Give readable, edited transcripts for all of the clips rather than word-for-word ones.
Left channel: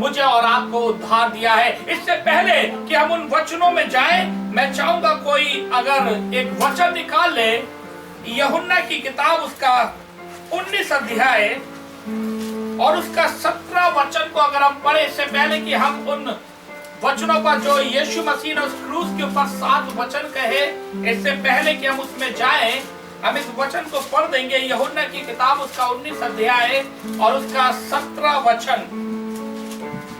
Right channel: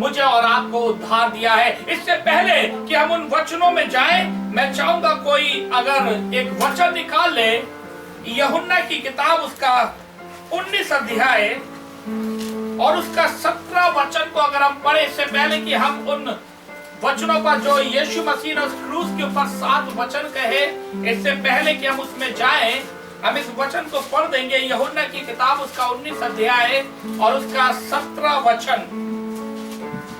मुझे और आपको उद्धार दिया है। इससे पहले कि हम उन वचनों में जाएं, मैं चाहूंगा कोई अगर एक वचन निकाल ले, यूहन्ना की किताब उसका 19 अध्याय और उसका 17 वचन को अगर हम पढ़े, इससे पहले कि हम उन वचनों पर जो यीशु मसीह ने उस क्रूस के ऊपर 7 वचन कहे, इससे पहले कि हम उसमें जाएं, हम इस वचन को पढ़ देंगे। यूहन्ना की किताब उसका 19 अध्याय और उसका 17 वचन।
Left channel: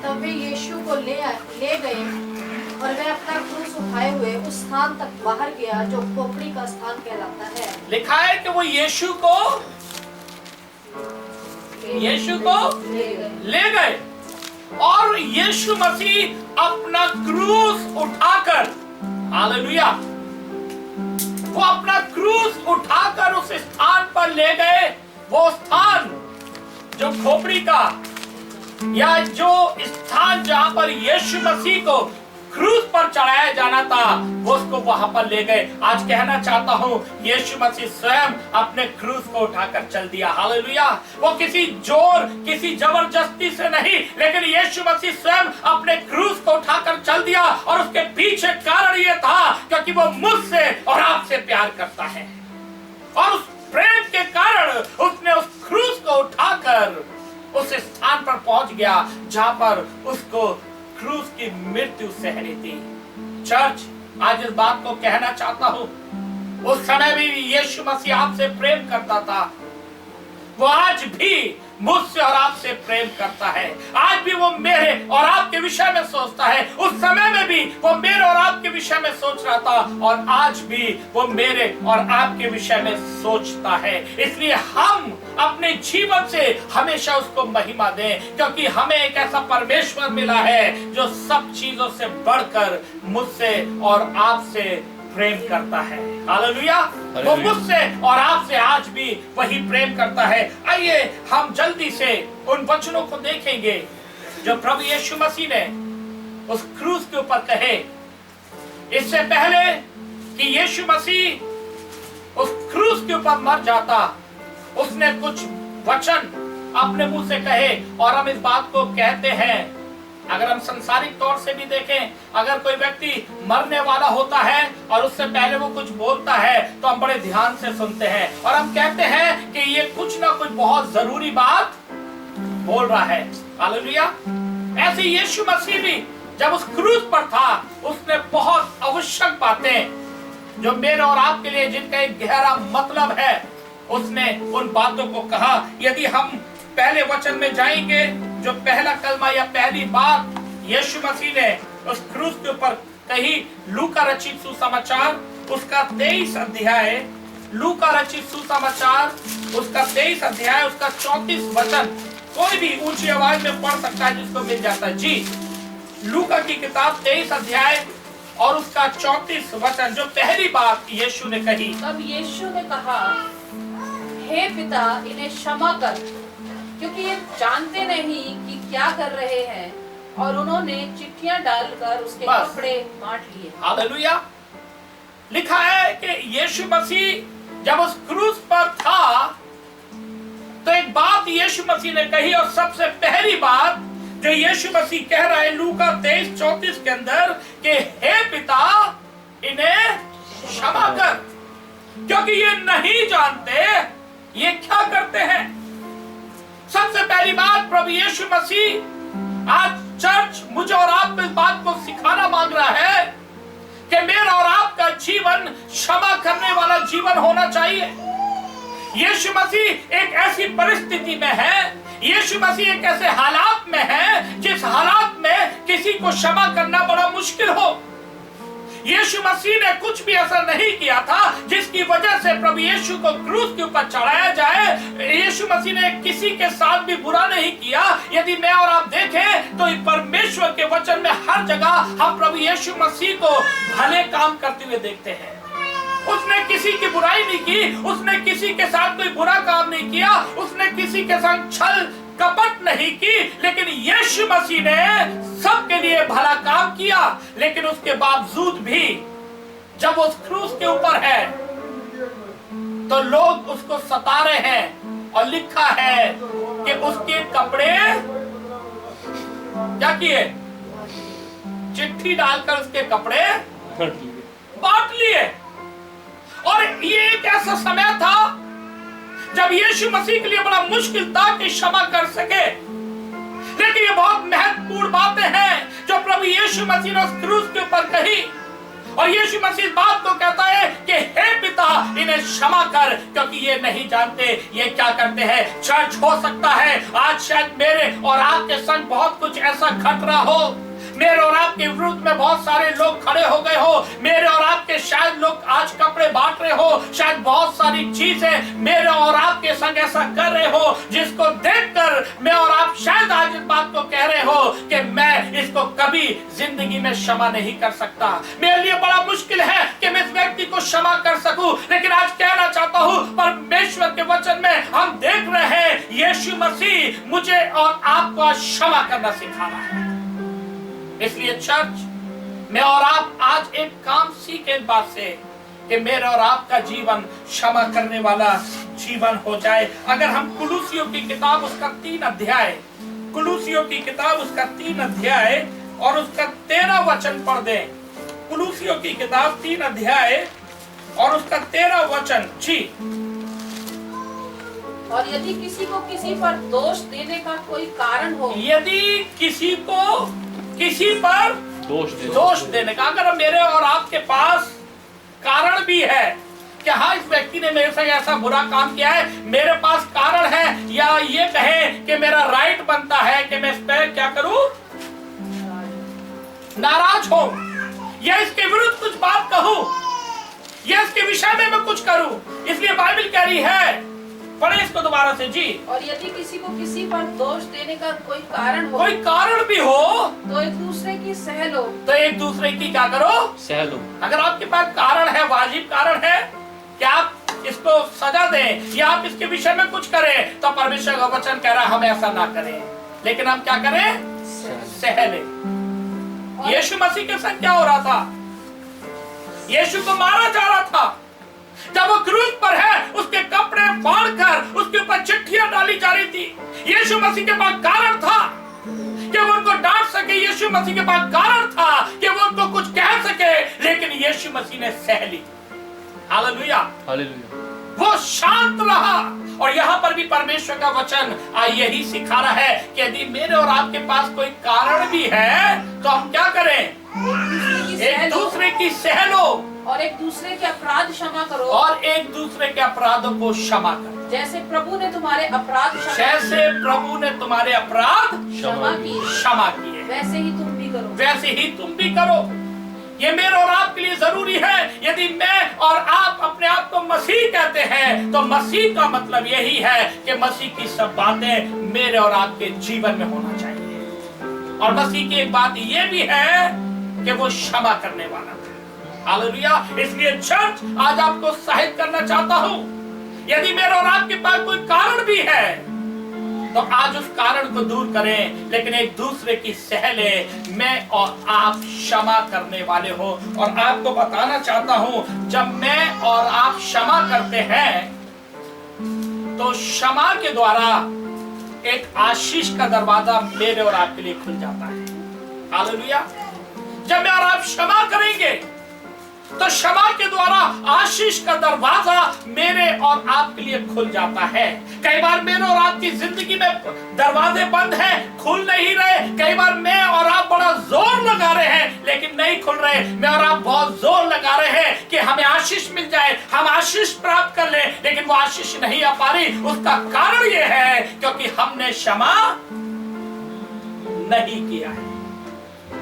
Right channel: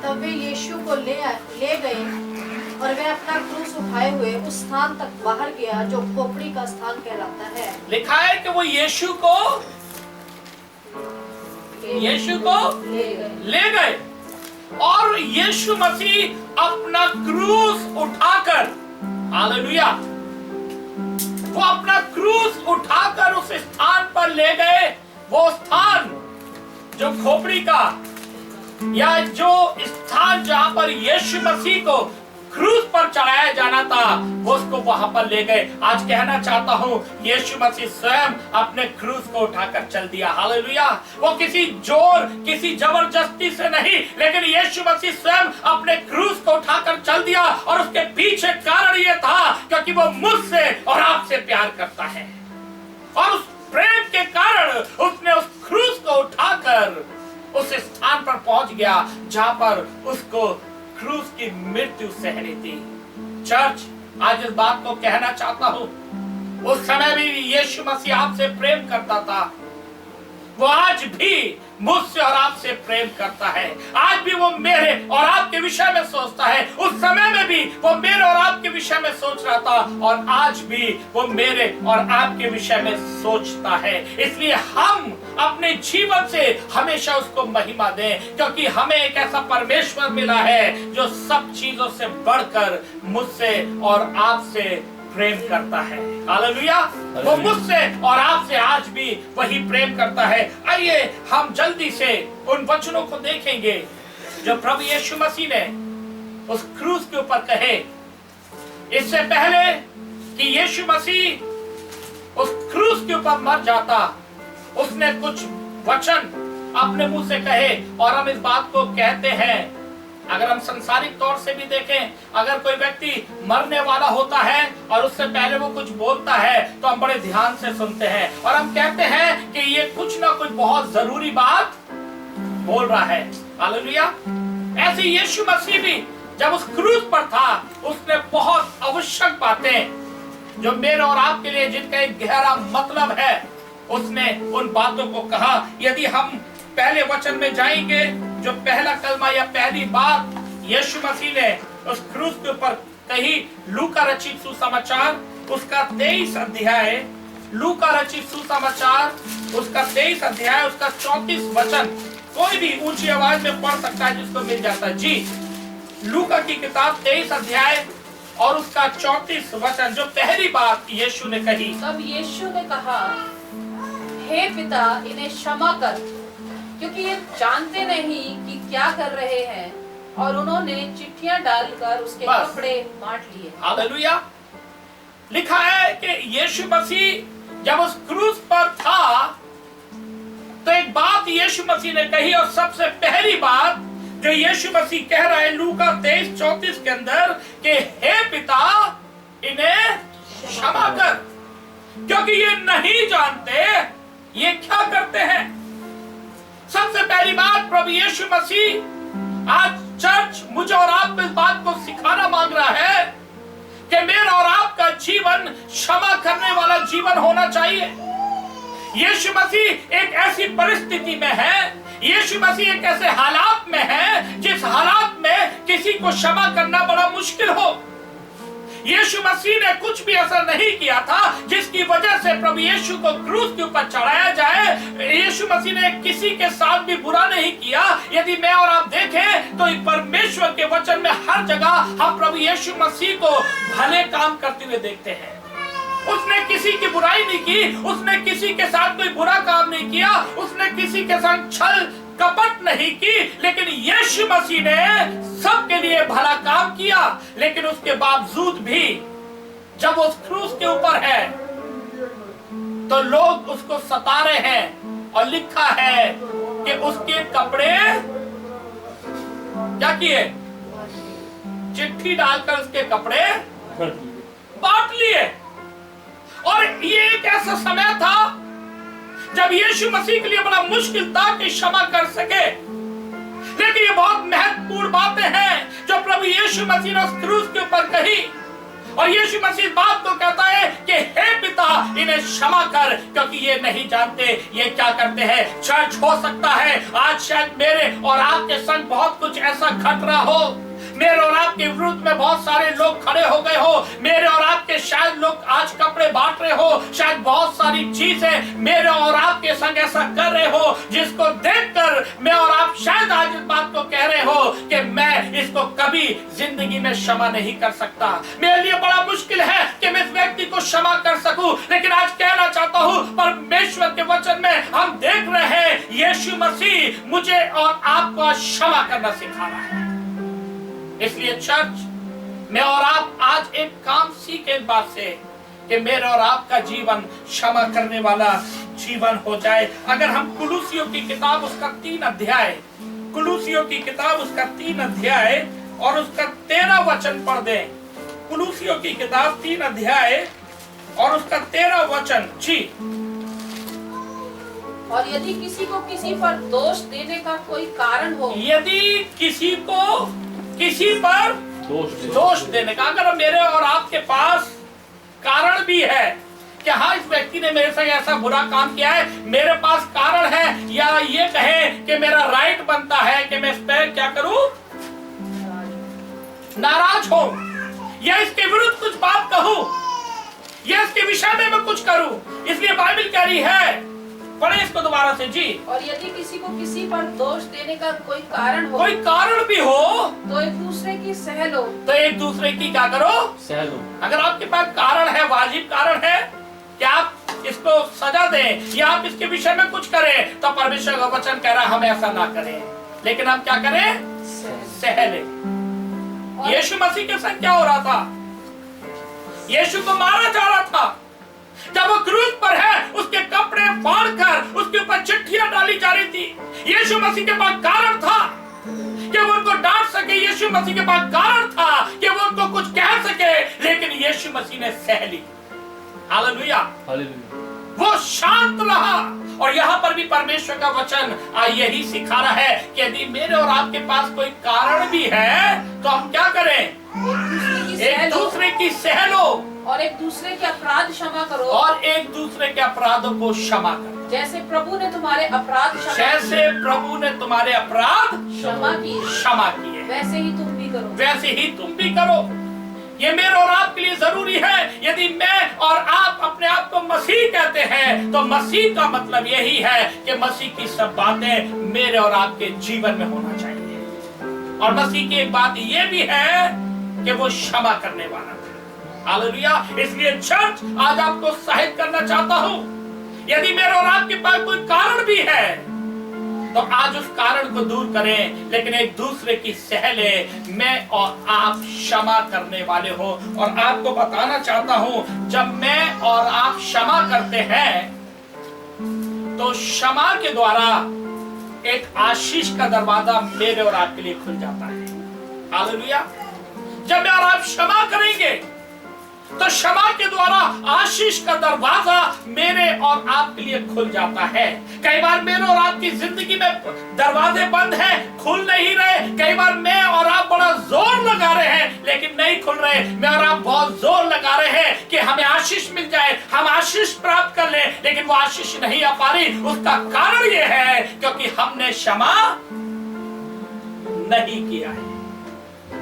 तब वे यीशु को ले गए और वे अपना क्रूस उठाए हुए उस स्थान तक बाहर गया जो खोपड़ी का स्थान कहलाता है। लिखा है कि वो यीशु को ले गए और यीशु मसीह अपना क्रूस उठाकर, हालेलुया, वो अपना क्रूस उठाकर उस स्थान पर ले गए। वो स्थान जो खोपड़ी का या जो स्थान जहां पर यीशु मसीह को क्रूस पर चढ़ाया जाना था, वो उसको वहां पर ले गए। आज कहना चाहता हूं, यीशु मसीह स्वयं अपने क्रूस को उठाकर चल दिया। हालेलुया। वो किसी जोर, किसी जबरदस्ती से नहीं, लेकिन यीशु मसीह स्वयं अपने क्रूस को उठाकर चल दिया। और उसके पीछे कारण ये था क्योंकि वो मुझसे और आपसे प्यार करता है, और उस प्रेम के कारण उसने उस क्रूस को उठाकर उस स्थान पर पहुंच गया जहां पर उसको क्रूस की मृत्यु सहनी थी। चर्च, आज इस बात को कहना चाहता हूं, उस समय भी यीशु मसीह आपसे प्रेम करता था, वो आज भी मुझसे और आपसे प्रेम करता है। आज भी वो मेरे और आपके विषय में सोचता है। उस समय में भी वो मेरे और आपके विषय में सोच रहा था, और आज भी वो मेरे और आपके विषय में सोचता है। इसलिए हम अपने जीवन से हमेशा उसको महिमा दें, क्योंकि हमें एक ऐसा परमेश्वर मिला है जो सब चीजों से बढ़कर मुझसे और आपसे प्रेम करता है। हालेलुया। वो मुझसे और आपसे आज भी वही प्रेम करता है। आइए हम जल्दी से उन वचनों को देखेंगे जो प्रभु यीशु मसीह ने उस क्रूस के ऊपर कहे। इससे पहले कि यीशु मसीह उस क्रूस के ऊपर मर जाता, उसने कुछ वचन अपने मुंह से कहे, और हम इस बात को कहते हैं। अगर हम संसारिक तौर से भी देखें, अगर कोई व्यक्ति मरने वाला होता है और उससे पहले वो कुछ बोलता है, तो हम बड़े ध्यान से सुनते हैं और हम कहते हैं कि ये कुछ ना कुछ बहुत जरूरी बात बोल रहा है। हालेलुया। ऐसे यीशु मसीह भी जब उस क्रूस पर था, उसने बहुत आवश्यक बातें जो मेरे और आपके लिए, जिनका एक गहरा मतलब है, उसने उन बातों को कहा। यदि हम पहले वचन में जाएंगे, जो पहला कलमा या पहली बात यीशु मसीह ने उस क्रूस के ऊपर कही, लूका रचित सुसमाचार उसका 23 अध्याय, लूका रचित सुसमाचार उसका 23 अध्याय उसका 34 वचन। कोई भी ऊंची आवाज में पढ़ सकता है जिसको मिल जाता है। जी, लूका की किताब 23 अध्याय और उसका 34 वचन, जो पहली बात यीशु ने कही। तब यीशु ने कहा, हे पिता, इन्हें क्षमा कर, क्योंकि ये जानते नहीं कि क्या कर रहे हैं। और उन्होंने चिट्ठियां डालकर उसके कपड़े बांट लिए। हालेलुया। लिखा है कि यीशु मसीह जब उस क्रूस पर था, तो एक बात यीशु मसीह ने कही, और सबसे पहली बात जो यीशु मसीह कह रहा है लूका 23:34 के अंदर, कि हे पिता, इन्हें क्षमा कर, क्योंकि ये नहीं जानते ये क्या करते हैं। सबसे पहली बात प्रभु यीशु मसीह आज चर्च मुझे और आपको इस बात को सिखाना मांग रहा है कि मेरा और आपका जीवन क्षमा करने वाला जीवन होना चाहिए। यीशु मसीह एक ऐसी परिस्थिति में है, यीशु मसीह एक ऐसे हालात में है जिस हालात में किसी को क्षमा करना बड़ा मुश्किल हो। यीशु मसीह ने कुछ भी ऐसा नहीं किया था जिसकी वजह से प्रभु यीशु को क्रूस के ऊपर चढ़ाया जाए। यीशु मसीह ने किसी के साथ भी बुरा नहीं किया। यदि मैं और आप देखें तो परमेश्वर के वचन में हर जगह हम प्रभु यीशु मसीह को भले काम करते हुए देखते हैं। उसने किसी की बुराई नहीं की, उसने किसी के साथ कोई बुरा काम नहीं किया, उसने किसी के साथ छल कपट नहीं की, लेकिन यीशु मसीह ने सबके लिए भला काम किया। लेकिन उसके बावजूद भी जब उस क्रूस के ऊपर है तो लोग उसको सता रहे हैं, और लिखा है कि उसके कपड़े क्या किए? चिट्ठी डालकर उसके कपड़े बांट लिए। और ये एक ऐसा समय था जब यीशु मसीह के लिए बड़ा मुश्किल था कि क्षमा कर सके, लेकिन ये बहुत महत्वपूर्ण बातें हैं जो प्रभु यीशु मसीह ने उस क्रूस के ऊपर कही। और यीशु मसीह इस बात को कहता है कि हे पिता, इन्हें क्षमा कर, क्योंकि ये नहीं जानते ये क्या करते हैं। चर्च, हो सकता है आज शायद मेरे और आपके संग बहुत कुछ ऐसा घट रहा हो, मेरे और आपके विरुद्ध में बहुत सारे लोग खड़े हो गए हो, मेरे और आपके शायद लोग आज कपड़े बांट रहे हो, शायद बहुत सारी चीजें मेरे और आपके संग ऐसा कर रहे हो जिसको देखकर मैं और आप शायद आज इस बात को कह रहे हो कि मैं इसको कभी जिंदगी में क्षमा नहीं कर सकता, मेरे लिए बड़ा मुश्किल है कि मैं इस व्यक्ति को क्षमा कर सकूं। लेकिन आज कहना चाहता हूं, परमेश्वर के वचन में हम देख रहे हैं यीशु मसीह मुझे और आपको क्षमा करना सिखा रहा है। इसलिए चर्च, मैं और आप आज एक काम सीखे इस बात से कि मेरे और आपका जीवन क्षमा करने वाला जीवन हो जाए। अगर हम कुलूसियों की किताब उसका 3 अध्याय, कुलूसियों की किताब उसका 3 अध्याय और उसका 13 वचन पढ़ दें। कुलूसियों की किताब 3 अध्याय और उसका 13 वचन। जी। और यदि किसी को किसी पर दोष देने का कोई कारण हो, यदि किसी को किसी पर दोष देने का, अगर मेरे और आपके पास कारण भी है कि हाँ इस व्यक्ति ने मेरे से ऐसा बुरा काम किया है, मेरे पास कारण है, या ये कहे कि मेरा राइट बनता है कि मैं इस पर क्या करूं, नाराज हो, या इसके विरुद्ध कुछ बात कहूं, या इसके विषय में मैं कुछ करूं, इसलिए बाइबल कह रही है, पढ़े इसको दोबारा से। जी। और यदि किसी को किसी पर दोष देने का कोई कारण हो, कोई कारण भी हो, तो एक दूसरे की सह लो। तो एक दूसरे की क्या करो, सह लो। अगर आपके पास कारण है, वाजिब कारण है कि आप इसको सजा दें या आप इसके विषय में कुछ करें, तो परमेश्वर का वचन कह रहा है हम ऐसा ना करें, लेकिन हम क्या करें, सह लें। यीशु मसीह के साथ क्या हो रहा था? यीशु को मारा जा रहा था। जब वो क्रूस पर है, उसके कपड़े फाड़कर उसके ऊपर चिट्ठियां डाली जा रही थी। यीशु मसीह के पास कारण था कि वो उनको डांट सके, यीशु मसीह के पास कारण था कि वो उनको कुछ कह सके, लेकिन यीशु मसीह ने सह ली। Hallelujah, hallelujah. वो शांत रहा। और यहाँ पर भी परमेश्वर का वचन यही सिखा रहा है कि यदि मेरे और आपके पास कोई कारण भी है तो हम क्या करें, एक दूसरे की सह लो और एक दूसरे के अपराध क्षमा करो, और एक दूसरे के अपराधों को क्षमा करो। जैसे प्रभु ने तुम्हारे अपराध क्षमा किए, वैसे ही तुम भी करो, वैसे ही तुम भी करो। ये मेरे और आपके लिए जरूरी है। यदि मैं और आप अपने आप को मसीह कहते हैं, तो मसीह का मतलब यही है कि मसीह की सब बातें मेरे और आपके जीवन में होना चाहिए। और मसीह की एक बात ये भी है कि वो क्षमा करने वाला था। हालेलुया। इसलिए चर्च, आज आपको उत्साहित करना चाहता हूं, यदि मेरे और आपके पास कोई कारण भी है तो आज उस कारण को दूर करें, लेकिन एक दूसरे की सह ले। मैं और आप क्षमा करने वाले हो। और आपको बताना चाहता हूं, जब मैं और आप क्षमा करते हैं तो क्षमा के द्वारा एक आशीष का दरवाजा मेरे और आपके लिए खुल जाता है। हालेलुया। जब मैं और आप क्षमा करेंगे तो क्षमा के द्वारा आशीष का दरवाजा मेरे और आपके लिए खुल जाता है। कई बार मेरे और आपकी जिंदगी में दरवाजे बंद हैं, खुल नहीं रहे। कई बार मैं और आप बड़ा जोर लगा रहे हैं लेकिन नहीं खुल रहे। मैं और आप बहुत जोर लगा रहे हैं कि हमें आशीष मिल जाए, हम आशीष प्राप्त कर लें, लेकिन वो आशीष नहीं आ पा रही। उसका कारण ये है क्योंकि हमने क्षमा नहीं किया है।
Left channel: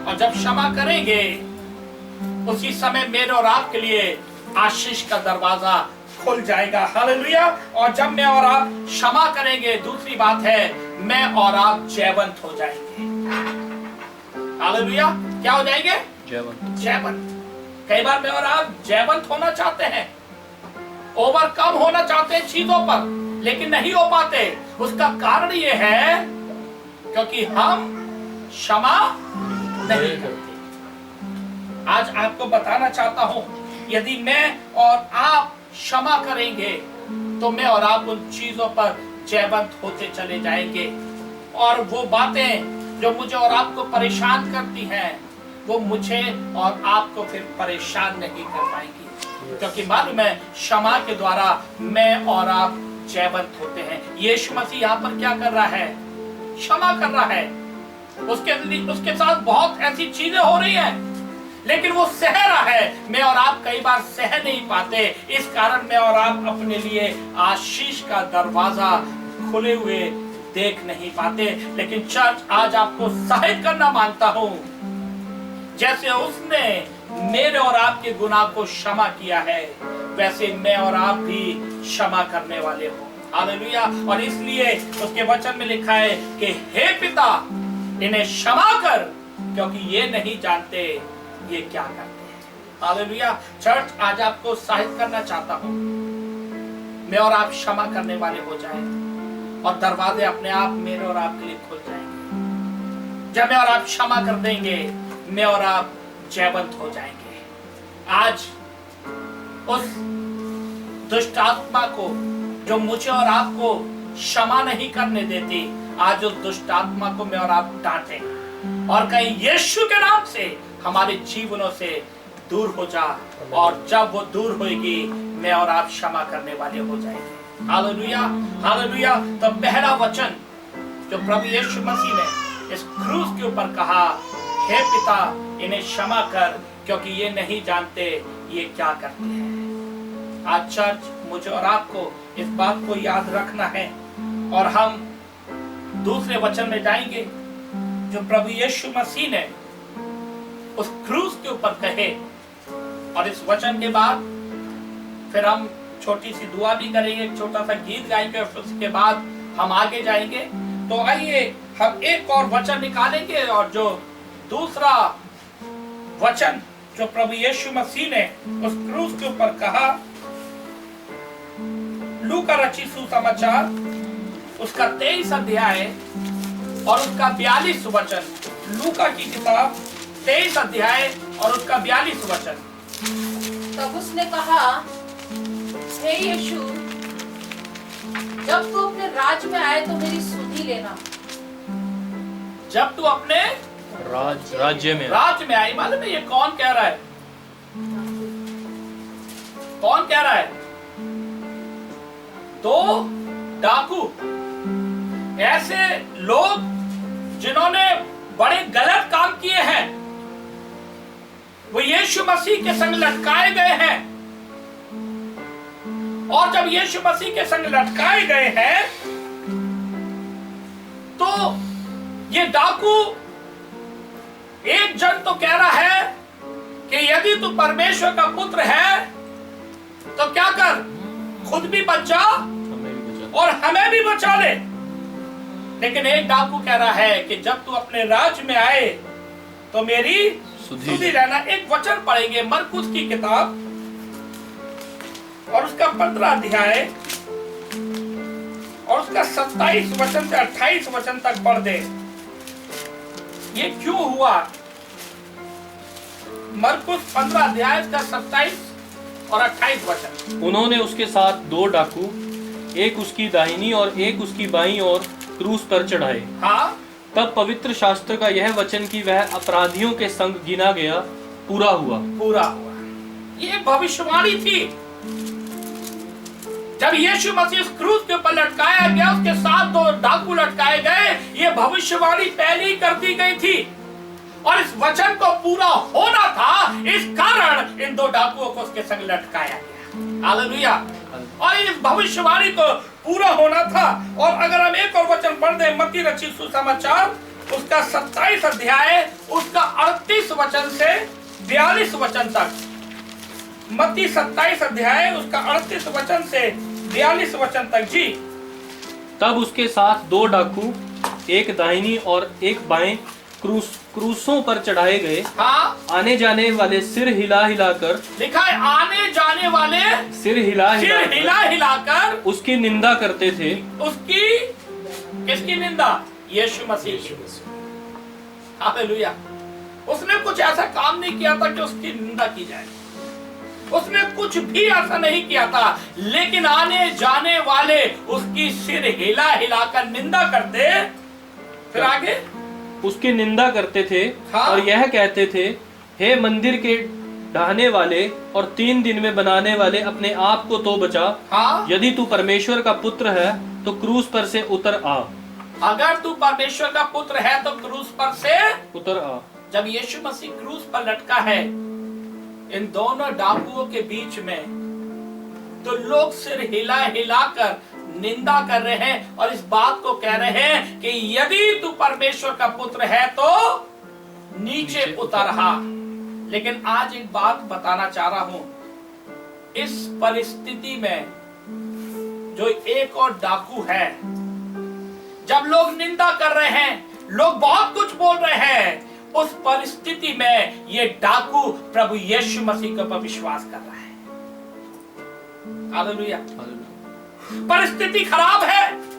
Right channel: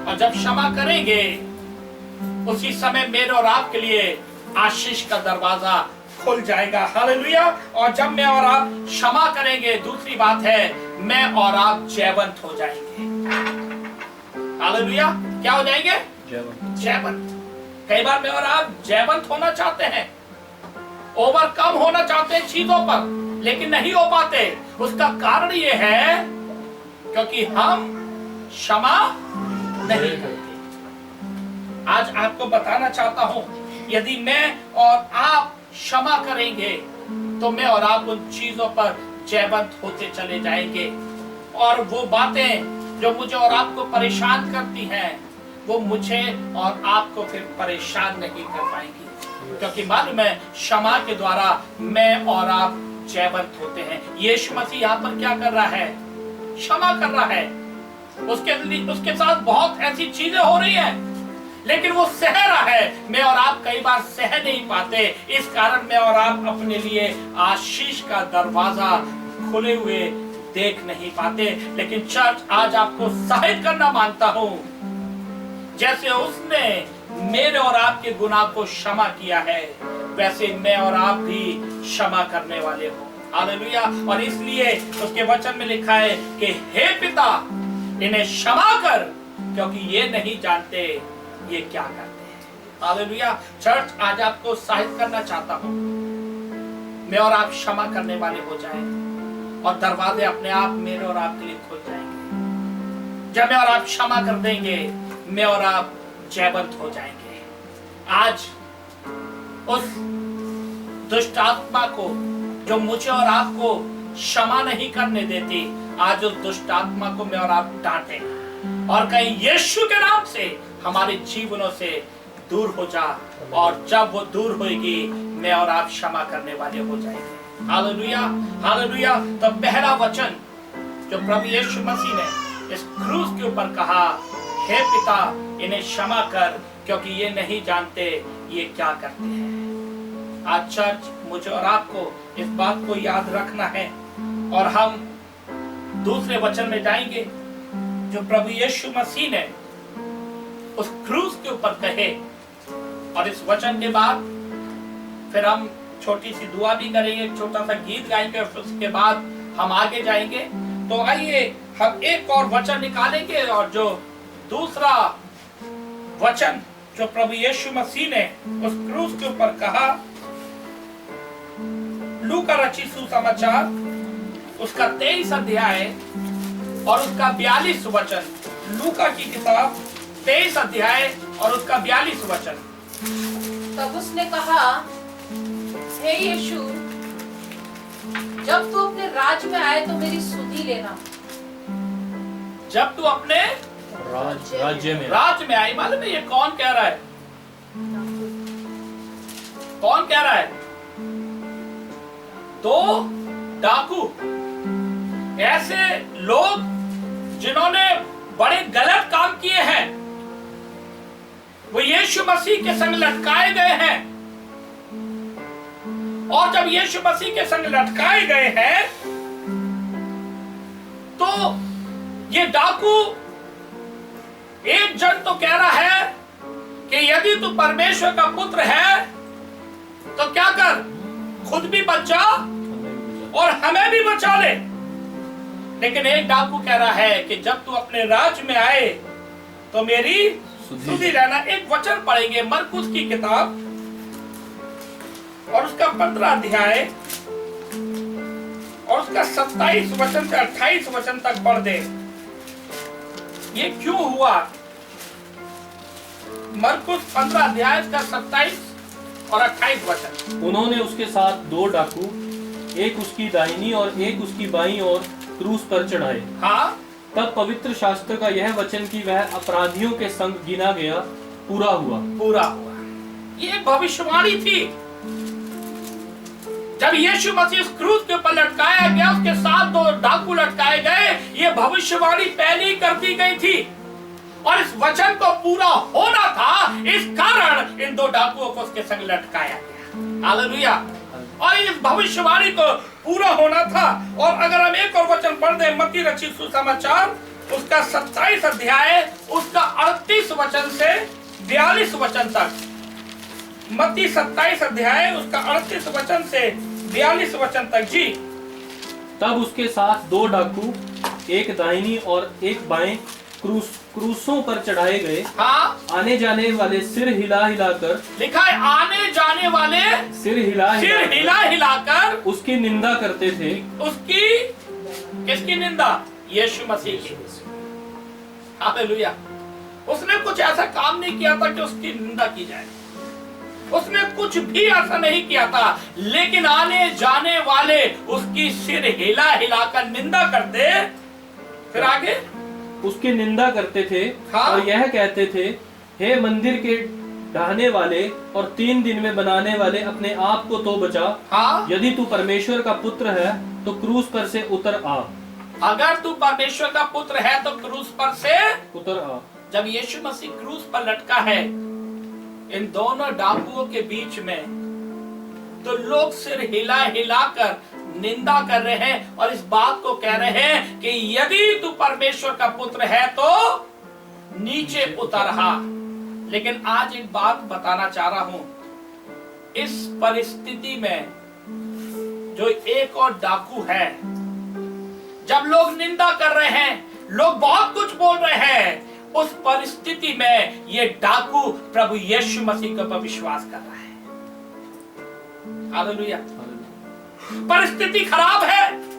और जब क्षमा करेंगे उसी समय मेरे और आपके लिए आशीष का दरवाजा खुल जाएगा। हालेलुया। और जब मैं और आप क्षमा करेंगे, दूसरी बात है, मैं और आप जयवंत हो जाएंगे। हालेलुया। क्या हो जाएंगे? जयवंत। कई बार मैं और आप जयवंत होना चाहते हैं, ओवरकम होना चाहते हैं चीजों पर, लेकिन नहीं हो पाते। उसका कारण ये है क्योंकि हम क्षमा नहीं करते। आज आपको बताना चाहता हूं, यदि मैं और आप क्षमा करेंगे तो मैं और आप उन चीजों पर जयवंत होते चले जाएंगे। और वो बातें जो मुझे और आपको परेशान करती हैं, वो मुझे और आपको फिर परेशान नहीं कर पाएंगी, क्योंकि मालूम है क्षमा के द्वारा मैं और आप जयवंत होते हैं। यीशु मसीह यहाँ पर क्या कर रहा है? क्षमा कर रहा है। उसके साथ बहुत ऐसी चीजें हो रही हैं, लेकिन वो सह रहा है। मैं और आप कई बार सह नहीं पाते, इस कारण मैं और आप अपने लिए आशीष का दरवाजा खुले हुए देख नहीं पाते। लेकिन चर्च आज आपको सहायता करना मांगता हूं, जैसे उसने मेरे और आपके गुनाह को क्षमा किया है, वैसे मैं और आप भी क्षमा करने वाले हो। हालेलुया। और इसलिए उसके वचन में लिखा है कि हे पिता, इन्हें क्षमा कर, क्योंकि ये नहीं जानते ये क्या करते हैं। हालेलुया। चर्च आज आपको सहायता करना चाहता हूं, मैं और आप क्षमा करने वाले हो जाएं और दरवाजे अपने आप मेरे और आपके लिए खुल जाएंगे। जब मैं और आप क्षमा कर देंगे, मैं और आप जयवंत हो जाएंगे। आज उस दुष्ट आत्मा को जो मुझे और आपको क्षमा नहीं करने देती, आज उस दुष्ट आत्मा को मैं और आप डांटे और कहीं यीशु के नाम से हमारे जीवनों से दूर हो जा। और जब वो दूर होगी, मैं और आप क्षमा करने वाले हो जाएंगे। Hallelujah, hallelujah. तो पहला वचन जो प्रभु यीशु मसीह ने इस क्रूस के ऊपर कहा, हे पिता, इन्हें क्षमा कर, क्योंकि ये नहीं जानते ये क्या करते हैं। आज चर्च मुझे और आपको इस बात को याद रखना है। और हम दूसरे वचन में जाएंगे जो प्रभु यीशु मसीह ने उस क्रूस के ऊपर कहे, और इस वचन के बाद फिर हम छोटी सी दुआ भी करेंगे, एक छोटा सा गीत गाएंगे, और उसके बाद हम आगे जाएंगे। तो आइए हम एक और वचन निकालेंगे, और जो दूसरा वचन जो प्रभु यीशु मसीह ने उस क्रूस के ऊपर कहा, लूका रचित सुसमाचार उसका 23 अध्याय और उसका 42 वचन। लूका की किताब 23 अध्याय और उसका 42 वचन। तब उसने कहा, हे यीशु, जब तू अपने राज्य में आए तो मेरी सुधि लेना। जब तू अपने राज्य में आई, मालूम है ये कौन कह रहा है? कौन कह रहा है? दो डाकू, ऐसे लोग जिन्होंने बड़े गलत काम किए हैं, वो यीशु मसीह के संग लटकाए गए हैं। और जब यीशु मसीह के संग लटकाए गए हैं, तो ये डाकू, एक जन तो कह रहा है कि यदि तू परमेश्वर का पुत्र है तो क्या कर, खुद भी बच जा और हमें भी बचा ले। लेकिन एक डाकू कह रहा है कि जब तू अपने राज्य में आए तो मेरी सुधि लेना। एक वचन पढ़ेंगे मरकुस की किताब और उसका 15 अध्याय और उसका 27 वचन से 28 वचन तक पढ़ दे। ये क्यों हुआ? मरकुस 15 अध्याय का 27 और 28 वचन। उन्होंने उसके साथ 2 डाकू, एक उसकी दाहिनी और एक उसकी बाईं ओर क्रूस पर चढ़ाए। हाँ, तब पवित्र शास्त्र का यह वचन कि वह अपराधियों के संग गिना गया पूरा हुआ। ये भविष्यवाणी थी। जब यीशु मसीह उस क्रूस के ऊपर लटकाया गया, उसके साथ 2 डाकू लटकाए गए, ये भविष्यवाणी पहले ही कर दी गई थी और इस वचन को पूरा होना था। इस कारण इन 2 डाकुओं को उसके संग लटकाया गया। हालेलुया। और इस भविष्यवाणी को पूरा होना था। और अगर हम एक और वचन पढ़ दें, मत्ती रचित सुसमाचार उसका 27 अध्याय उसका 38 वचन से 42 वचन तक। मत्ती 27 अध्याय उसका 38 वचन से 42 वचन तक। जी। तब उसके साथ 2 डाकू, एक दाहिनी और एक बाएं क्रूसों पर चढ़ाए गए। हाँ, आने जाने वाले सिर हिला हिलाकर, लिखा है आने जाने वाले सिर हिला हिलाकर उसकी निंदा करते थे। उसकी किसकी निंदा? यीशु मसीह की। हालेलुया। उसने कुछ ऐसा काम नहीं किया था कि उसकी निंदा की जाए, उसने कुछ भी ऐसा नहीं किया था, लेकिन आने जाने वाले उसकी सिर हिला हिलाकर निंदा करते। फिर आगे उसकी निंदा करते थे हाँ। और यह कहते थे, हे मंदिर के ढाने वाले और 3 दिन में बनाने वाले, अपने आप को तो बचा। हाँ। यदि तू परमेश्वर का पुत्र है तो क्रूस पर से उतर आ। अगर तू परमेश्वर का पुत्र है तो क्रूस पर से उतर आ। जब यीशु मसीह क्रूस पर लटका है इन दोनों डाकुओं के बीच में, तो लोग सिर हिला हिलाकर निंदा कर रहे हैं और इस बात को कह रहे हैं कि यदि तू परमेश्वर का पुत्र है तो नीचे उतर आ। लेकिन आज एक बात बताना चाह रहा हूं, इस परिस्थिति में जो एक और डाकू है, जब लोग निंदा कर रहे हैं, लोग बहुत कुछ बोल रहे हैं, उस परिस्थिति में ये डाकू प्रभु यीशु मसीह के ऊपर विश्वास कर रहा है। हालेलुया। परिस्थिति खराब है,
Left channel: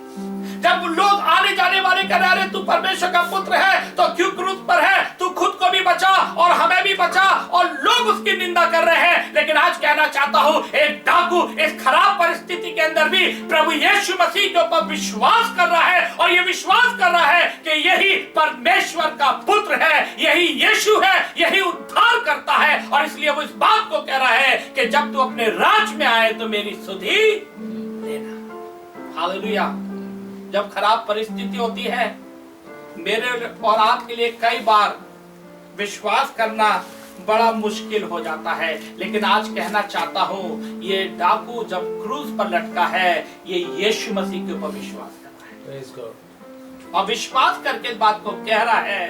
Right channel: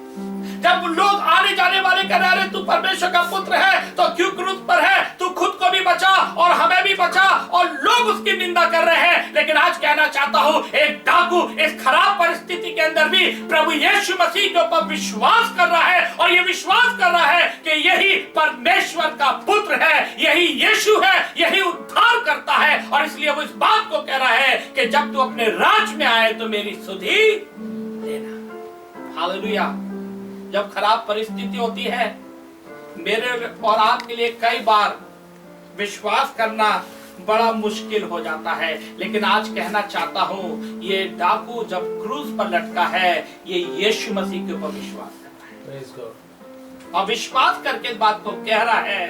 जब लोग आने जाने वाले कह रहे हैं तू परमेश्वर का पुत्र है तो क्यों क्रूस पर है, तू खुद को भी बचा और हमें भी बचा, और लोग उसकी निंदा कर रहे हैं। लेकिन आज कहना चाहता हूं, एक डाकू इस खराब परिस्थिति के अंदर भी प्रभु यीशु मसीह के ऊपर विश्वास कर रहा है, और ये विश्वास कर रहा है कि यही परमेश्वर का पुत्र है, यही यीशु है, यही उद्धार करता है। और इसलिए वो इस बात को कह रहा है कि जब तू अपने राज में आए तो मेरी सुधि लेना। हालेलुया। जब खराब परिस्थिति होती है, मेरे और आपके लिए कई बार विश्वास करना बड़ा मुश्किल हो जाता है। लेकिन आज कहना चाहता हूं, ये डाकू जब क्रूस पर लटका है, ये यीशु मसीह के ऊपर विश्वास कर रहा है, और विश्वास करके इस बात को कह रहा है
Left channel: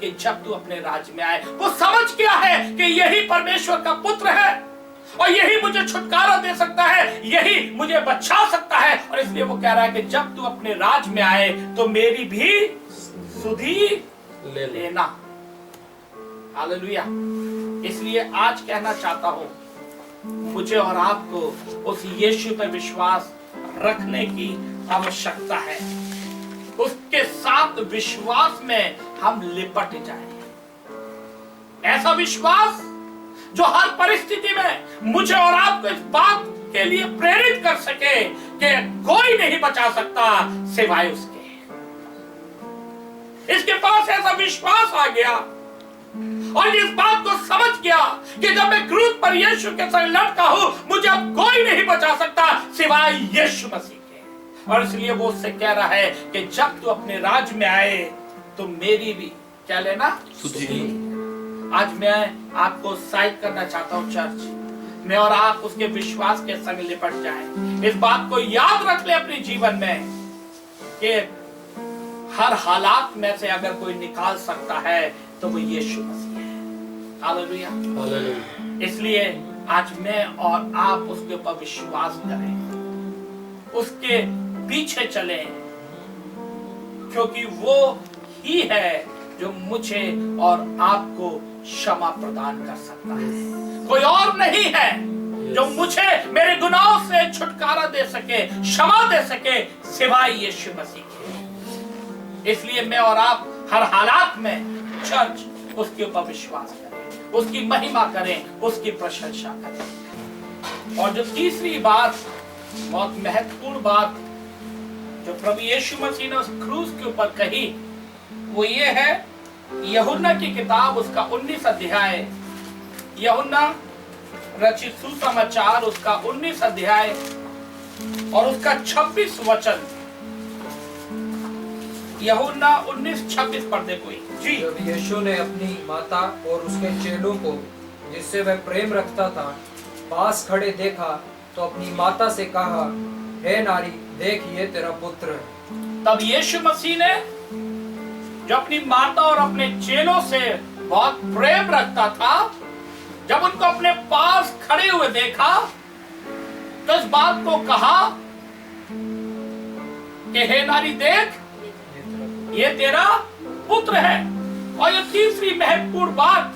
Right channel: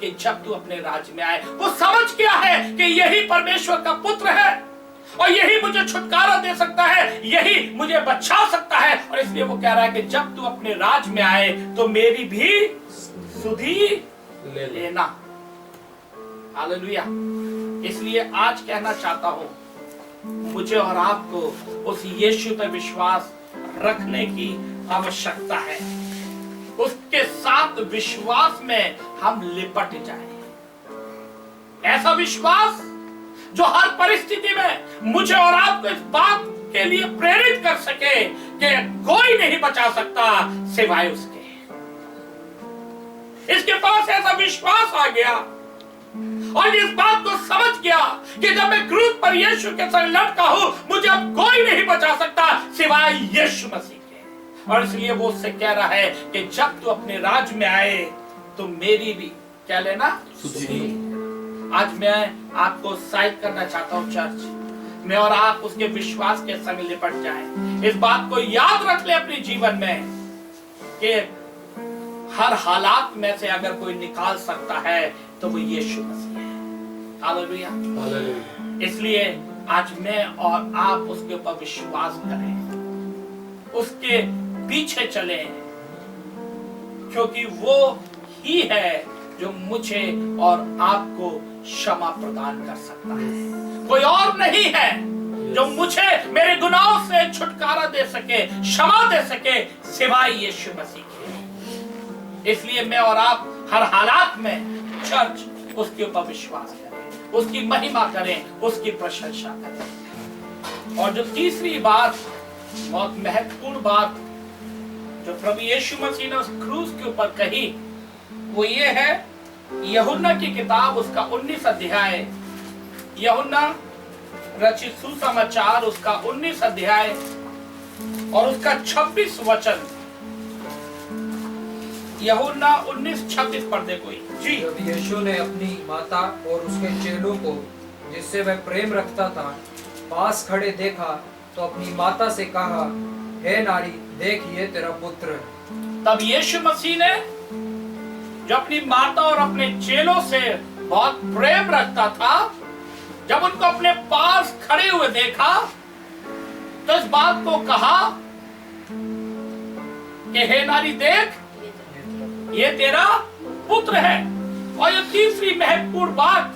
कि जब तू अपने राज्य में आए, वो समझ गया है कि यही परमेश्वर का पुत्र है और यही मुझे छुटकारा दे सकता है, यही मुझे बचा सकता है। और इसलिए वो कह रहा है कि जब तू अपने राज में आए तो मेरी भी सुधि लेना। हालेलुया। इसलिए आज कहना चाहता हूं, मुझे और आपको उस यीशु पर विश्वास रखने की आवश्यकता है। उसके साथ विश्वास में हम लिपट जाएं। ऐसा विश्वास जो हर परिस्थिति में मुझे और आपको इस बात के लिए प्रेरित कर सके कि कोई नहीं बचा सकता सिवाय उसके। इसके पास ऐसा विश्वास आ गया और इस बात को समझ गया कि जब मैं क्रूस पर यीशु के संग लटका हूं, मुझे अब कोई नहीं बचा सकता सिवाय यीशु मसीह के। और इसलिए वो उससे कह रहा है कि जब तू अपने राज में आए तो मेरी भी क्या लेना, सुधि। आज मैं आपको उत्साहित करना चाहता हूं चर्च, मैं और आप उसके विश्वास के संग लिपट जाएं। इस बात को याद रख ले अपने जीवन में कि हर हालात में से अगर कोई निकाल सकता है तो वो यीशु मसीह है। हालेलुया। इसलिए आज मैं और आप उसके ऊपर विश्वास करें, उसके पीछे चलें, क्योंकि वो ही है जो मुझे और आपको क्षमा प्रदान कर सकता है। कोई और नहीं है जो मुझे मेरे गुनाहों से छुटकारा दे सके, क्षमा दे सके, सिवाय यीशु मसीह के। इसलिए मैं और आप हर हालात में चर्च उसके ऊपर विश्वास करें, उसकी महिमा करें, उसकी प्रशंसा करें। और जो तीसरी बात, बहुत महत्वपूर्ण बात जो प्रभु यीशु मसीह ने उस क्रूस के ऊपर कही, वो ये है, यूहन्ना की किताब उसका 19 अध्याय, यूहन्ना रचित सुसमाचार उसका 19 अध्याय और उसका 26 वचन। यूहन्ना 19:26 पढ़ दे कोई जी। जब यीशु ने अपनी माता और उसके चेलों को, जिससे वह प्रेम रखता था, पास खड़े देखा तो अपनी माता से कहा, हे नारी, देख ये तेरा पुत्र है। तब यीशु मसीह ने, जो अपनी माता और अपने चेलों से बहुत प्रेम रखता था, जब उनको अपने पास खड़े हुए देखा तो इस बात को कहा कि हे नारी, देख ये तेरा पुत्र है। और ये तीसरी महत्वपूर्ण बात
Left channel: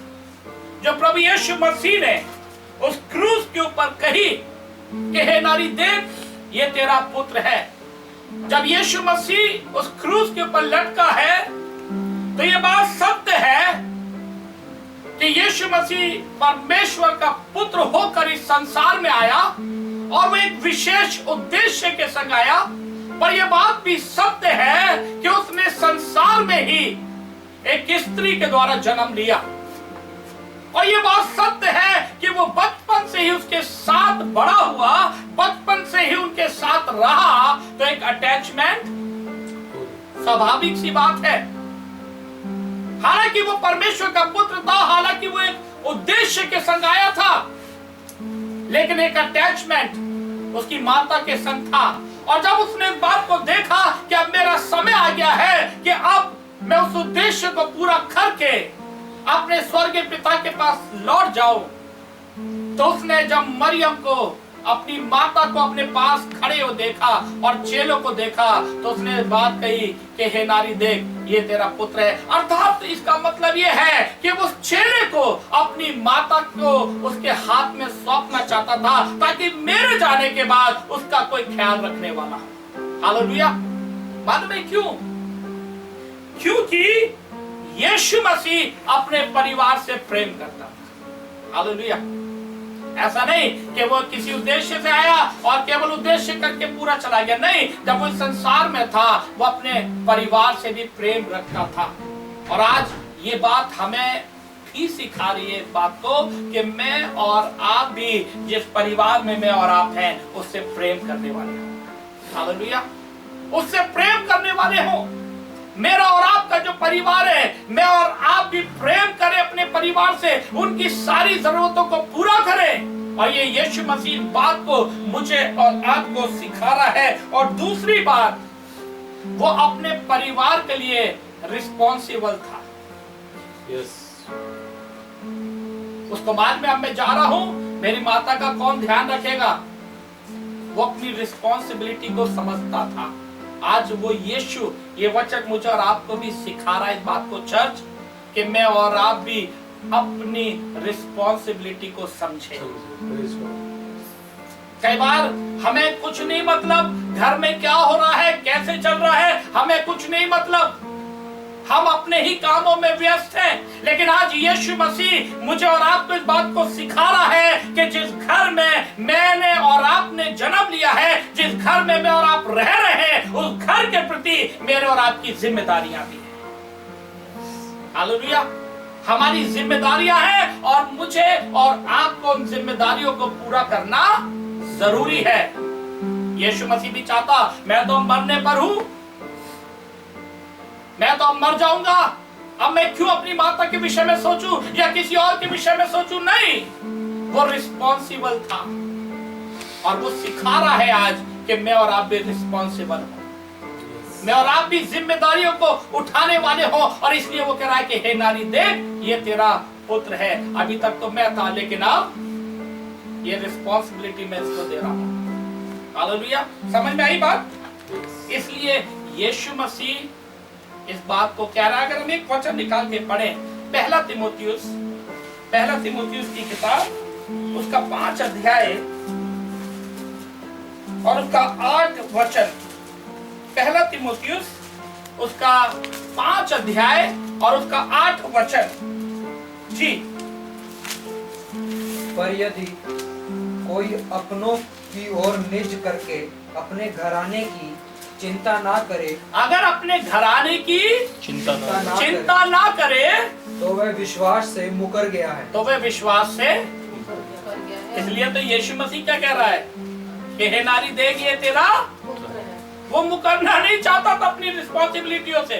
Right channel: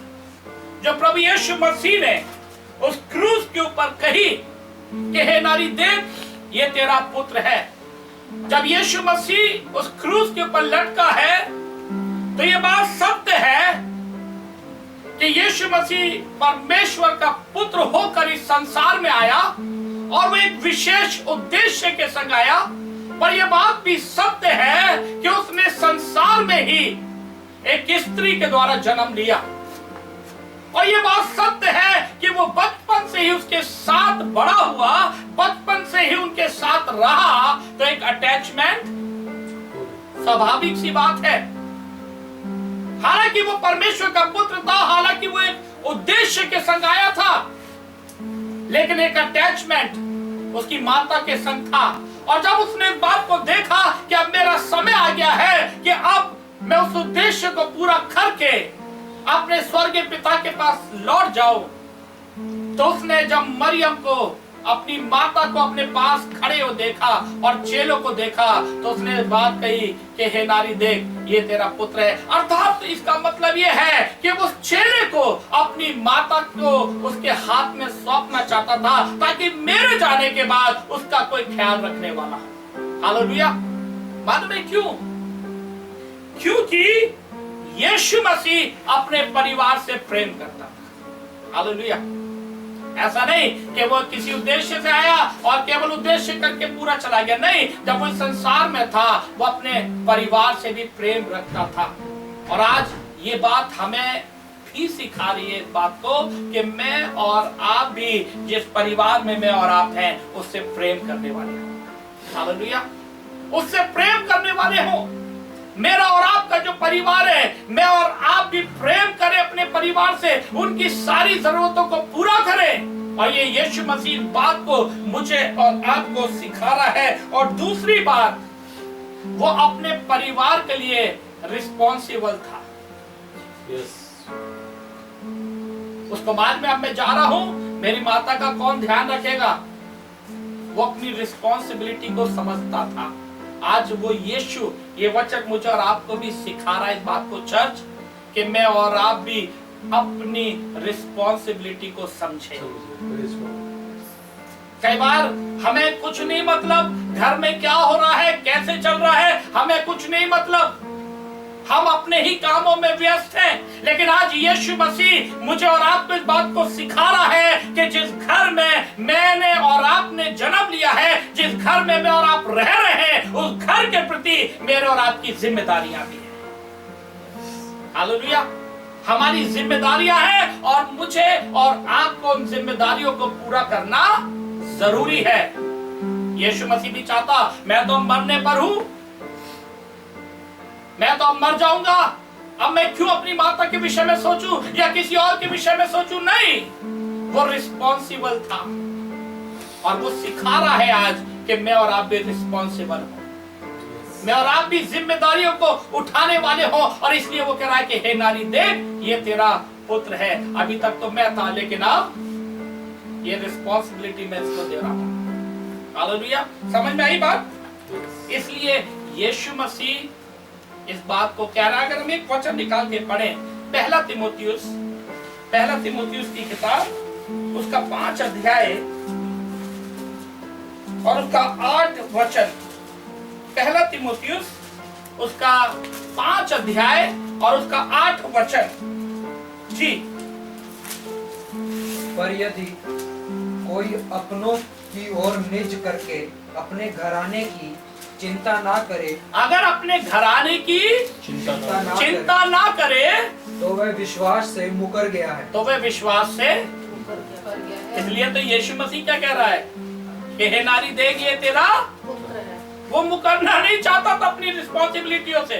जो प्रभु यीशु मसीह ने उस क्रूस के ऊपर कही कि हे नारी, देख ये तेरा पुत्र है। जब यीशु मसीह उस क्रूस के ऊपर लटका है तो ये बात सत्य है कि यीशु मसीह परमेश्वर का पुत्र होकर इस संसार में आया और वो एक विशेष उद्देश्य के संग आया। पर यह बात भी सत्य है कि उसने संसार में ही एक स्त्री के द्वारा जन्म लिया। और ये बात सत्य है कि वो बचपन से ही उसके साथ बड़ा हुआ, बचपन से ही उनके साथ रहा, तो एक अटैचमेंट स्वाभाविक सी बात है। हालांकि वो परमेश्वर का पुत्र था, हालांकि वो एक उद्देश्य के संग आया था, लेकिन एक अटैचमेंट उसकी माता के संग था। और जब उसने इस बात को देखा कि अब मेरा समय आ गया है कि अब मैं उस उद्देश्य को पूरा करके अपने स्वर्गीय पिता के पास लौट जाऊं, तो उसने जब मरियम को, अपनी माता को अपने पास खड़े हो देखा और चेलों को देखा, तो उसने बात कही कि हे नारी देख, ये तेरा पुत्र है। अर्थात इसका मतलब ये है कि उस चेले को अपनी माता को उसके हाथ में सौंपना चाहता था, ताकि मेरे जाने के बाद उसका कोई ख्याल रखने वाला हो। हालेलुया। मालूम है क्यों? क्योंकि यीशु मसीह अपने परिवार से प्रेम करता था। हालेलुया। ऐसा नहीं कि वो किसी उद्देश्य से आया और केवल उद्देश्य करके पूरा चला गया, नहीं। जब वो इस संसार में था, वो अपने परिवार से भी प्रेम रखता था। और आज ये बात हमें भी सिखा रही है इस बात को कि मैं और आप भी जिस परिवार में मैं और आप हैं, उससे प्रेम करने वाले हो। हालेलुया। उससे प्रेम करने वाले हो। मेरा और आपका जो परिवार है, मैं और आप भी प्रेम करें अपने परिवार से, उनकी सारी जरूरतों को पूरा करें। और ये यीशु मसीह बात को मुझे और आपको सिखा रहा है। और दूसरी बात, वो अपने परिवार के लिए रिस्पॉन्सिबल था। यस। उसको बाद में अब मैं जा रहा हूं, मेरी माता का कौन ध्यान रखेगा? वो अपनी रिस्पॉन्सिबिलिटी को समझता था। आज वो यीशु ये वचन मुझे और आपको भी सिखा रहा है इस बात को चर्च, कि मैं और आप भी अपनी रिस्पॉन्सिबिलिटी को समझें। कई बार हमें कुछ नहीं मतलब घर में क्या हो रहा है, कैसे चल रहा है, हमें कुछ नहीं मतलब, हम अपने ही कामों में व्यस्त हैं। लेकिन आज यीशु मसीह मुझे और आपको इस बात को सिखा रहा है कि जिस घर में मैंने और आपने जन्म लिया है, जिस घर में मैं और आप रह रहे हैं, उस घर के प्रति मेरे और आपकी जिम्मेदारियां भी हैं। हालेलुया। हमारी जिम्मेदारियां हैं और मुझे और आपको उन जिम्मेदारियों को पूरा करना जरूरी है। यीशु मसीह भी चाहता, मैं तो मरने पर हूं, मैं तो अब मर जाऊंगा, अब मैं क्यों अपनी माता के विषय में सोचूं या किसी और के विषय में सोचूं? नहीं, वो रिस्पॉन्सिबल था। और वो सिखा रहा है आज कि मैं और आप भी रिस्पॉन्सिबल हो, मैं और आप भी जिम्मेदारियों को उठाने वाले हो। और इसलिए वो कह रहा है कि हे नारी देख, ये तेरा पुत्र है। अभी तक तो मैं था, लेकिन अब ये रिस्पॉन्सिबिलिटी मैं इसको दे रहा हूं। हालेलुया। समझ में आई बात? इसलिए यीशु मसीह इस बात को कह रहा है। अगर हम एक वचन निकाल के पढ़ें, पहला तीमुथियुस की किताब, उसका 5 अध्याय और उसका 8 वचन। पहला तीमुथियुस उसका 5 अध्याय और उसका 8 वचन। जी। पर यदि कोई अपनों की ओर निज करके अपने घराने की चिंता ना करे, अगर अपने घराने की चिंता ना करे, तो वह विश्वास से मुकर गया है। तो वह विश्वास से, इसलिए तो यीशु मसीह क्या कह रहा है कि हे नारी देख, ये तेरा पुत्र है। वो मुकरना नहीं चाहता था अपनी रिस्पॉन्सिबिलिटियों से।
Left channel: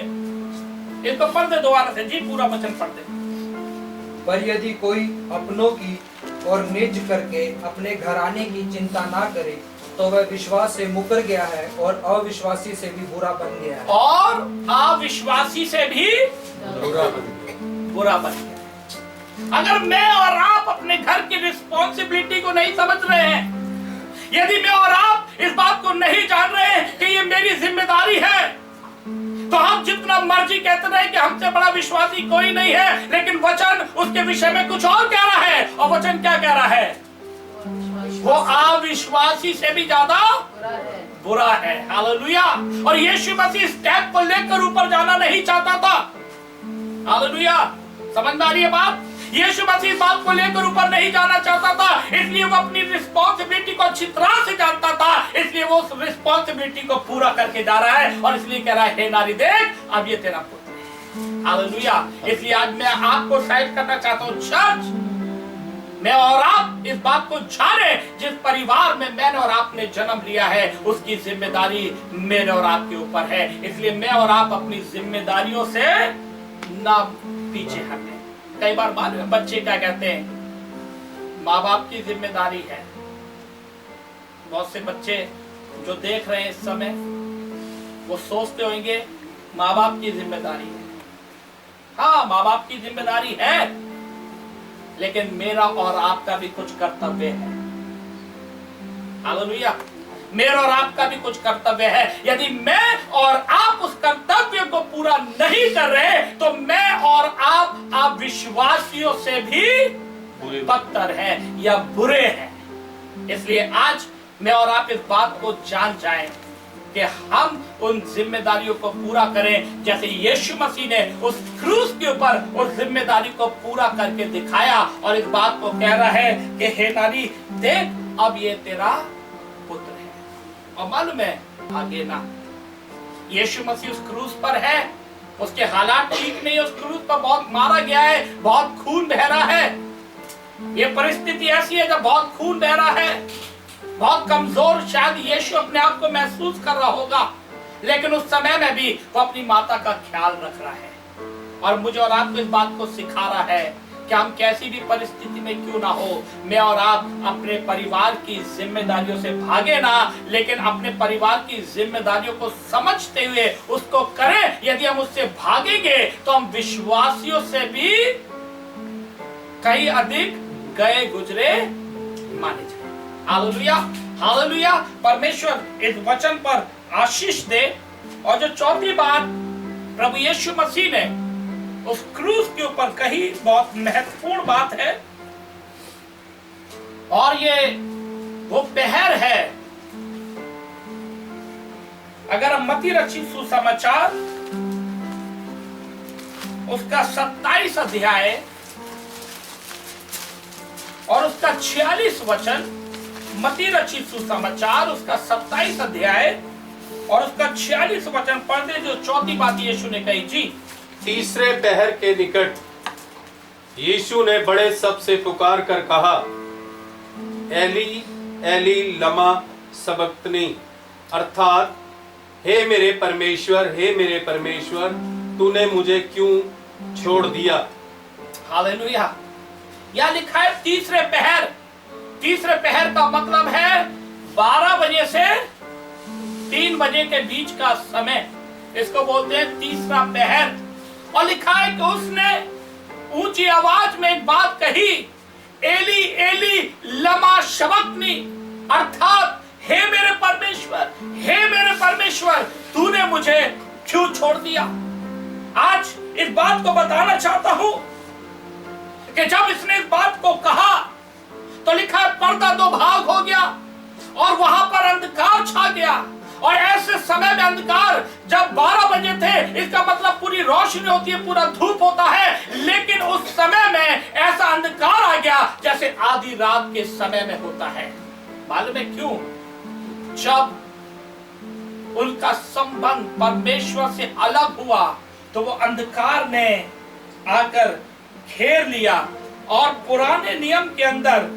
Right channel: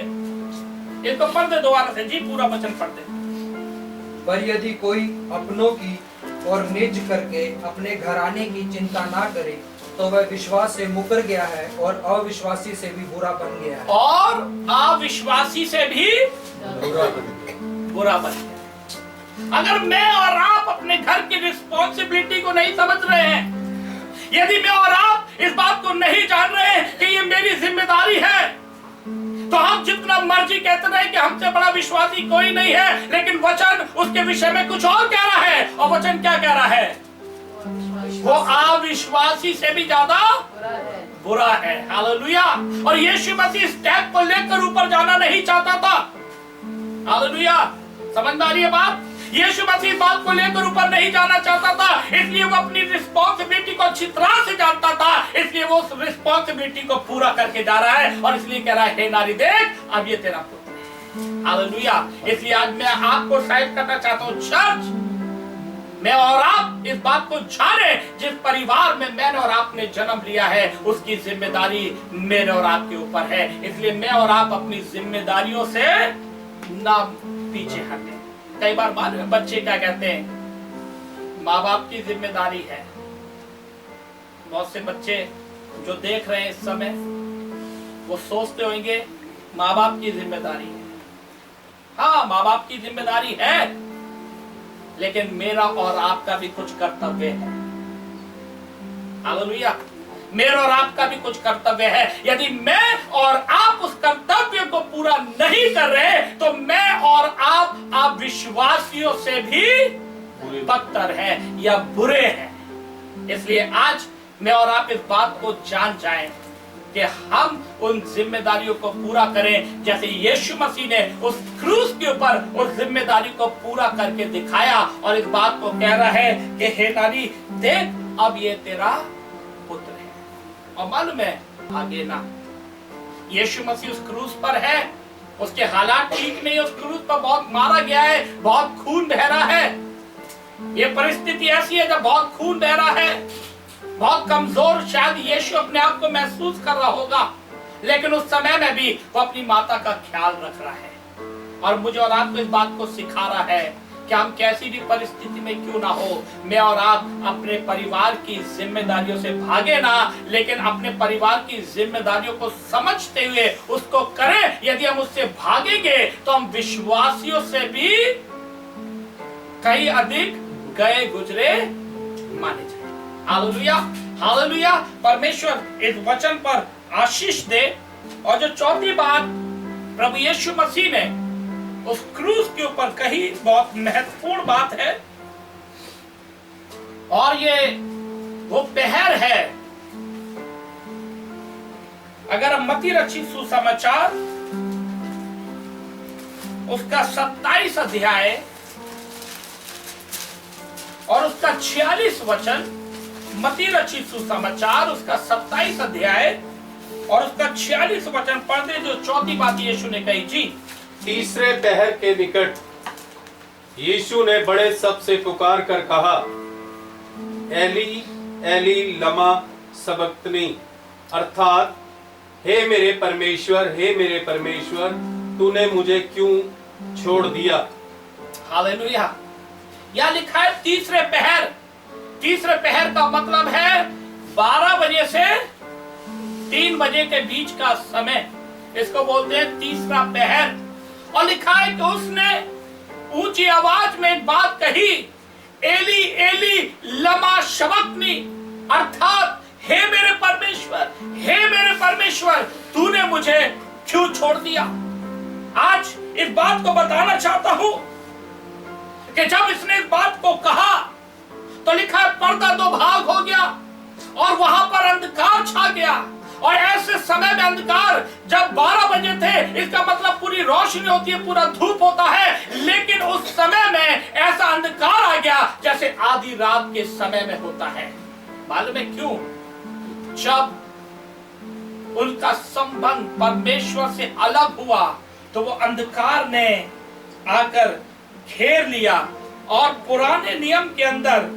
इसको पढ़ दे दोबारा से जी, पूरा वचन पढ़ दे। पर यदि कोई अपनों की और निज करके अपने घराने की चिंता ना करे, तो वह विश्वास से मुकर गया है और अविश्वासी से भी बुरा बन गया है। और अविश्वासी से भी बुरा बन गया। अगर मैं और आप अपने घर की रिस्पॉन्सिबिलिटी को नहीं समझ रहे हैं, यदि मैं और आप इस बात को नहीं जान रहे हैं कि ये मेरी जिम्मेदारी है, तो हम जितना मर्जी कहते रहे कि हमसे बड़ा विश्वासी कोई नहीं है, लेकिन वचन उसके विषय में कुछ और कह रहा है। और वचन क्या कह रहा है? वो अविश्वासी से भी ज्यादा बुरा है। हालेलुया। और यीशु मसीह स्टेप को लेकर ऊपर जाना नहीं चाहता था। हालेलुया। समझ में आ रही है बात? यीशु मसीह बात को लेकर ऊपर नहीं जाना चाहता था, इसलिए वो अपनी रिस्पॉन्सिबिलिटी को अच्छी तरह से जानता था। इसलिए वो उस रिस्पॉन्सिबिलिटी को पूरा करके जा रहा है और इसलिए कह रहा है, हे नारी देख, अब ये तेरा पुत्र है। हालेलुया। इसलिए आज मैं आपको शायद करना चाहता हूं, चर्च, मैं और आप इस बात को जाने, जिस परिवार में मैंने और आपने जन्म लिया है उसकी जिम्मेदारी मेरे और आपके ऊपर है। इसलिए मैं और आप अपनी जिम्मेदारियों से ना पीछे हटें। कई बार बच्चे क्या कहते हैं, माँ बाप की जिम्मेदारी है। बहुत से बच्चे जो देख रहे हैं इस समय वो सोचते होंगे माँ बाप की जिम्मेदारी है। हाँ, माँ बाप की जिम्मेदारी है, लेकिन मेरा और आपका भी कुछ कर्तव्य है। हालेलुया। मेरा और आपका भी कुछ कर्तव्य है। यदि मैं और आप उस कर्तव्य को पूरा नहीं कर रहे तो मैं और आप विश्वासियों से भी बदतर हैं या बुरे हैं। इसलिए आज मैं और आप इस बात को जान जाएं कि हम उन जिम्मेदारियों को पूरा करें, जैसे यीशु मसीह ने उस क्रूस के ऊपर उस जिम्मेदारी को पूरा करके दिखाया और इस बात को कह रहा है कि हे नारी देख, अब ये तेरा पुत्र है। और मालूम है आगे ना, यीशु मसीह उस क्रूस पर है, उसके हालात ठीक नहीं, उस क्रूस पर बहुत मारा गया है, बहुत खून बह रहा है। ये परिस्थिति ऐसी है जब बहुत खून बह रहा है, बहुत कमजोर शायद यीशु अपने आप को महसूस कर रहा होगा, लेकिन उस समय में भी वो अपनी माता का ख्याल रख रहा है और मुझे और आपको इस बात को सिखा रहा है कि हम कैसी भी परिस्थिति में क्यों ना हो, मैं और आप अपने परिवार की जिम्मेदारियों से भागे ना, लेकिन अपने परिवार की जिम्मेदारियों को समझते हुए उसको करें। यदि हम उससे भागेंगे तो हम विश्वासियों से भी कहीं अधिक गए गुजरे माने जाए। Hallelujah, hallelujah. परमेश्वर इस वचन पर आशीष दे। और जो चौथी बात प्रभु यीशु मसीह ने उस क्रूस के ऊपर कही, बहुत महत्वपूर्ण बात है, और ये वो पहर है। अगर हम मत्ती रचित सुसमाचार उसका 27 अध्याय और उसका 46 वचन, मत्ती रचित सुसमाचार उसका 27 अध्याय और उसका 46 वचन पढ़ते, जो चौथी बात यीशु ने कही। जी। तीसरे पहर के निकट यीशु ने बड़े शब्द से पुकार कर कहा, एली एली लमा सबक्तनी, अर्थात हे मेरे परमेश्वर तूने मुझे क्यों छोड़ दिया। हालेलुया। यह लिखा है तीसरे पहर। तीसरे पहर का मतलब है 12 बजे से 3 बजे के बीच का समय, इसको बोलते हैं तीसरा पहर। और लिखा है कि उसने ऊंची आवाज में एक बात कही, एली एली लमा शबक्तनी, अर्थात हे मेरे परमेश्वर तूने मुझे क्यों छोड़ दिया। आज इस बात को बताना चाहता हूं कि जब इसने इस बात को कहा तो लिखा है पर्दा 2 भाग हो गया और वहां पर अंधकार छा गया। और ऐसे समय में अंधकार, जब 12 बजे थे, इसका मतलब पूरी रोशनी होती है, पूरा धूप होता है, लेकिन उस समय में ऐसा अंधकार आ गया जैसे आधी रात के समय में होता है। मालूम है क्यों? जब उनका संबंध परमेश्वर से अलग हुआ तो वो अंधकार ने आकर घेर लिया। और पुराने नियम के अंदर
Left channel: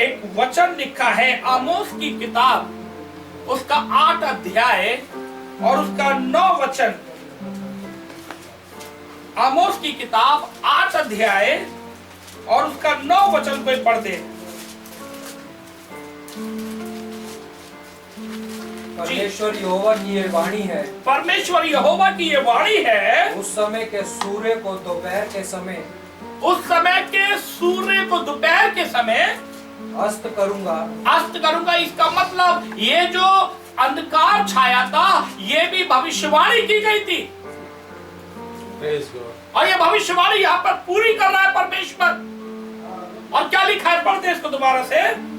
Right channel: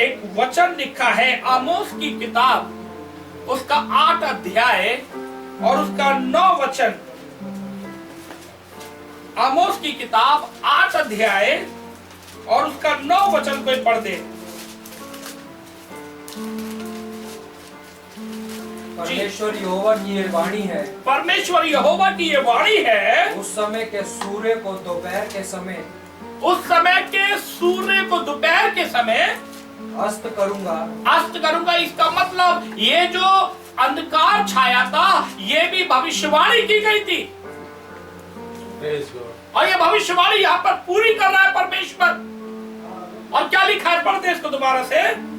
एक वचन लिखा है, आमोस की किताब उसका 8 अध्याय और उसका 9 वचन। आमोस की किताब 8 अध्याय और उसका 9 वचन कोई पढ़ दे। परमेश्वर यहोवा की ये वाणी है। परमेश्वर यहोवा की ये वाणी है। उस समय के सूर्य को दोपहर के समय, उस समय के सूर्य को दोपहर के समय अस्त करूंगा। इसका मतलब ये जो अंधकार छाया था ये भी भविष्यवाणी की गई थी, और ये भविष्यवाणी यहाँ पर पूरी कर रहा है परमेश्वर। और क्या लिखा है, पढ़ते इसको दोबारा से।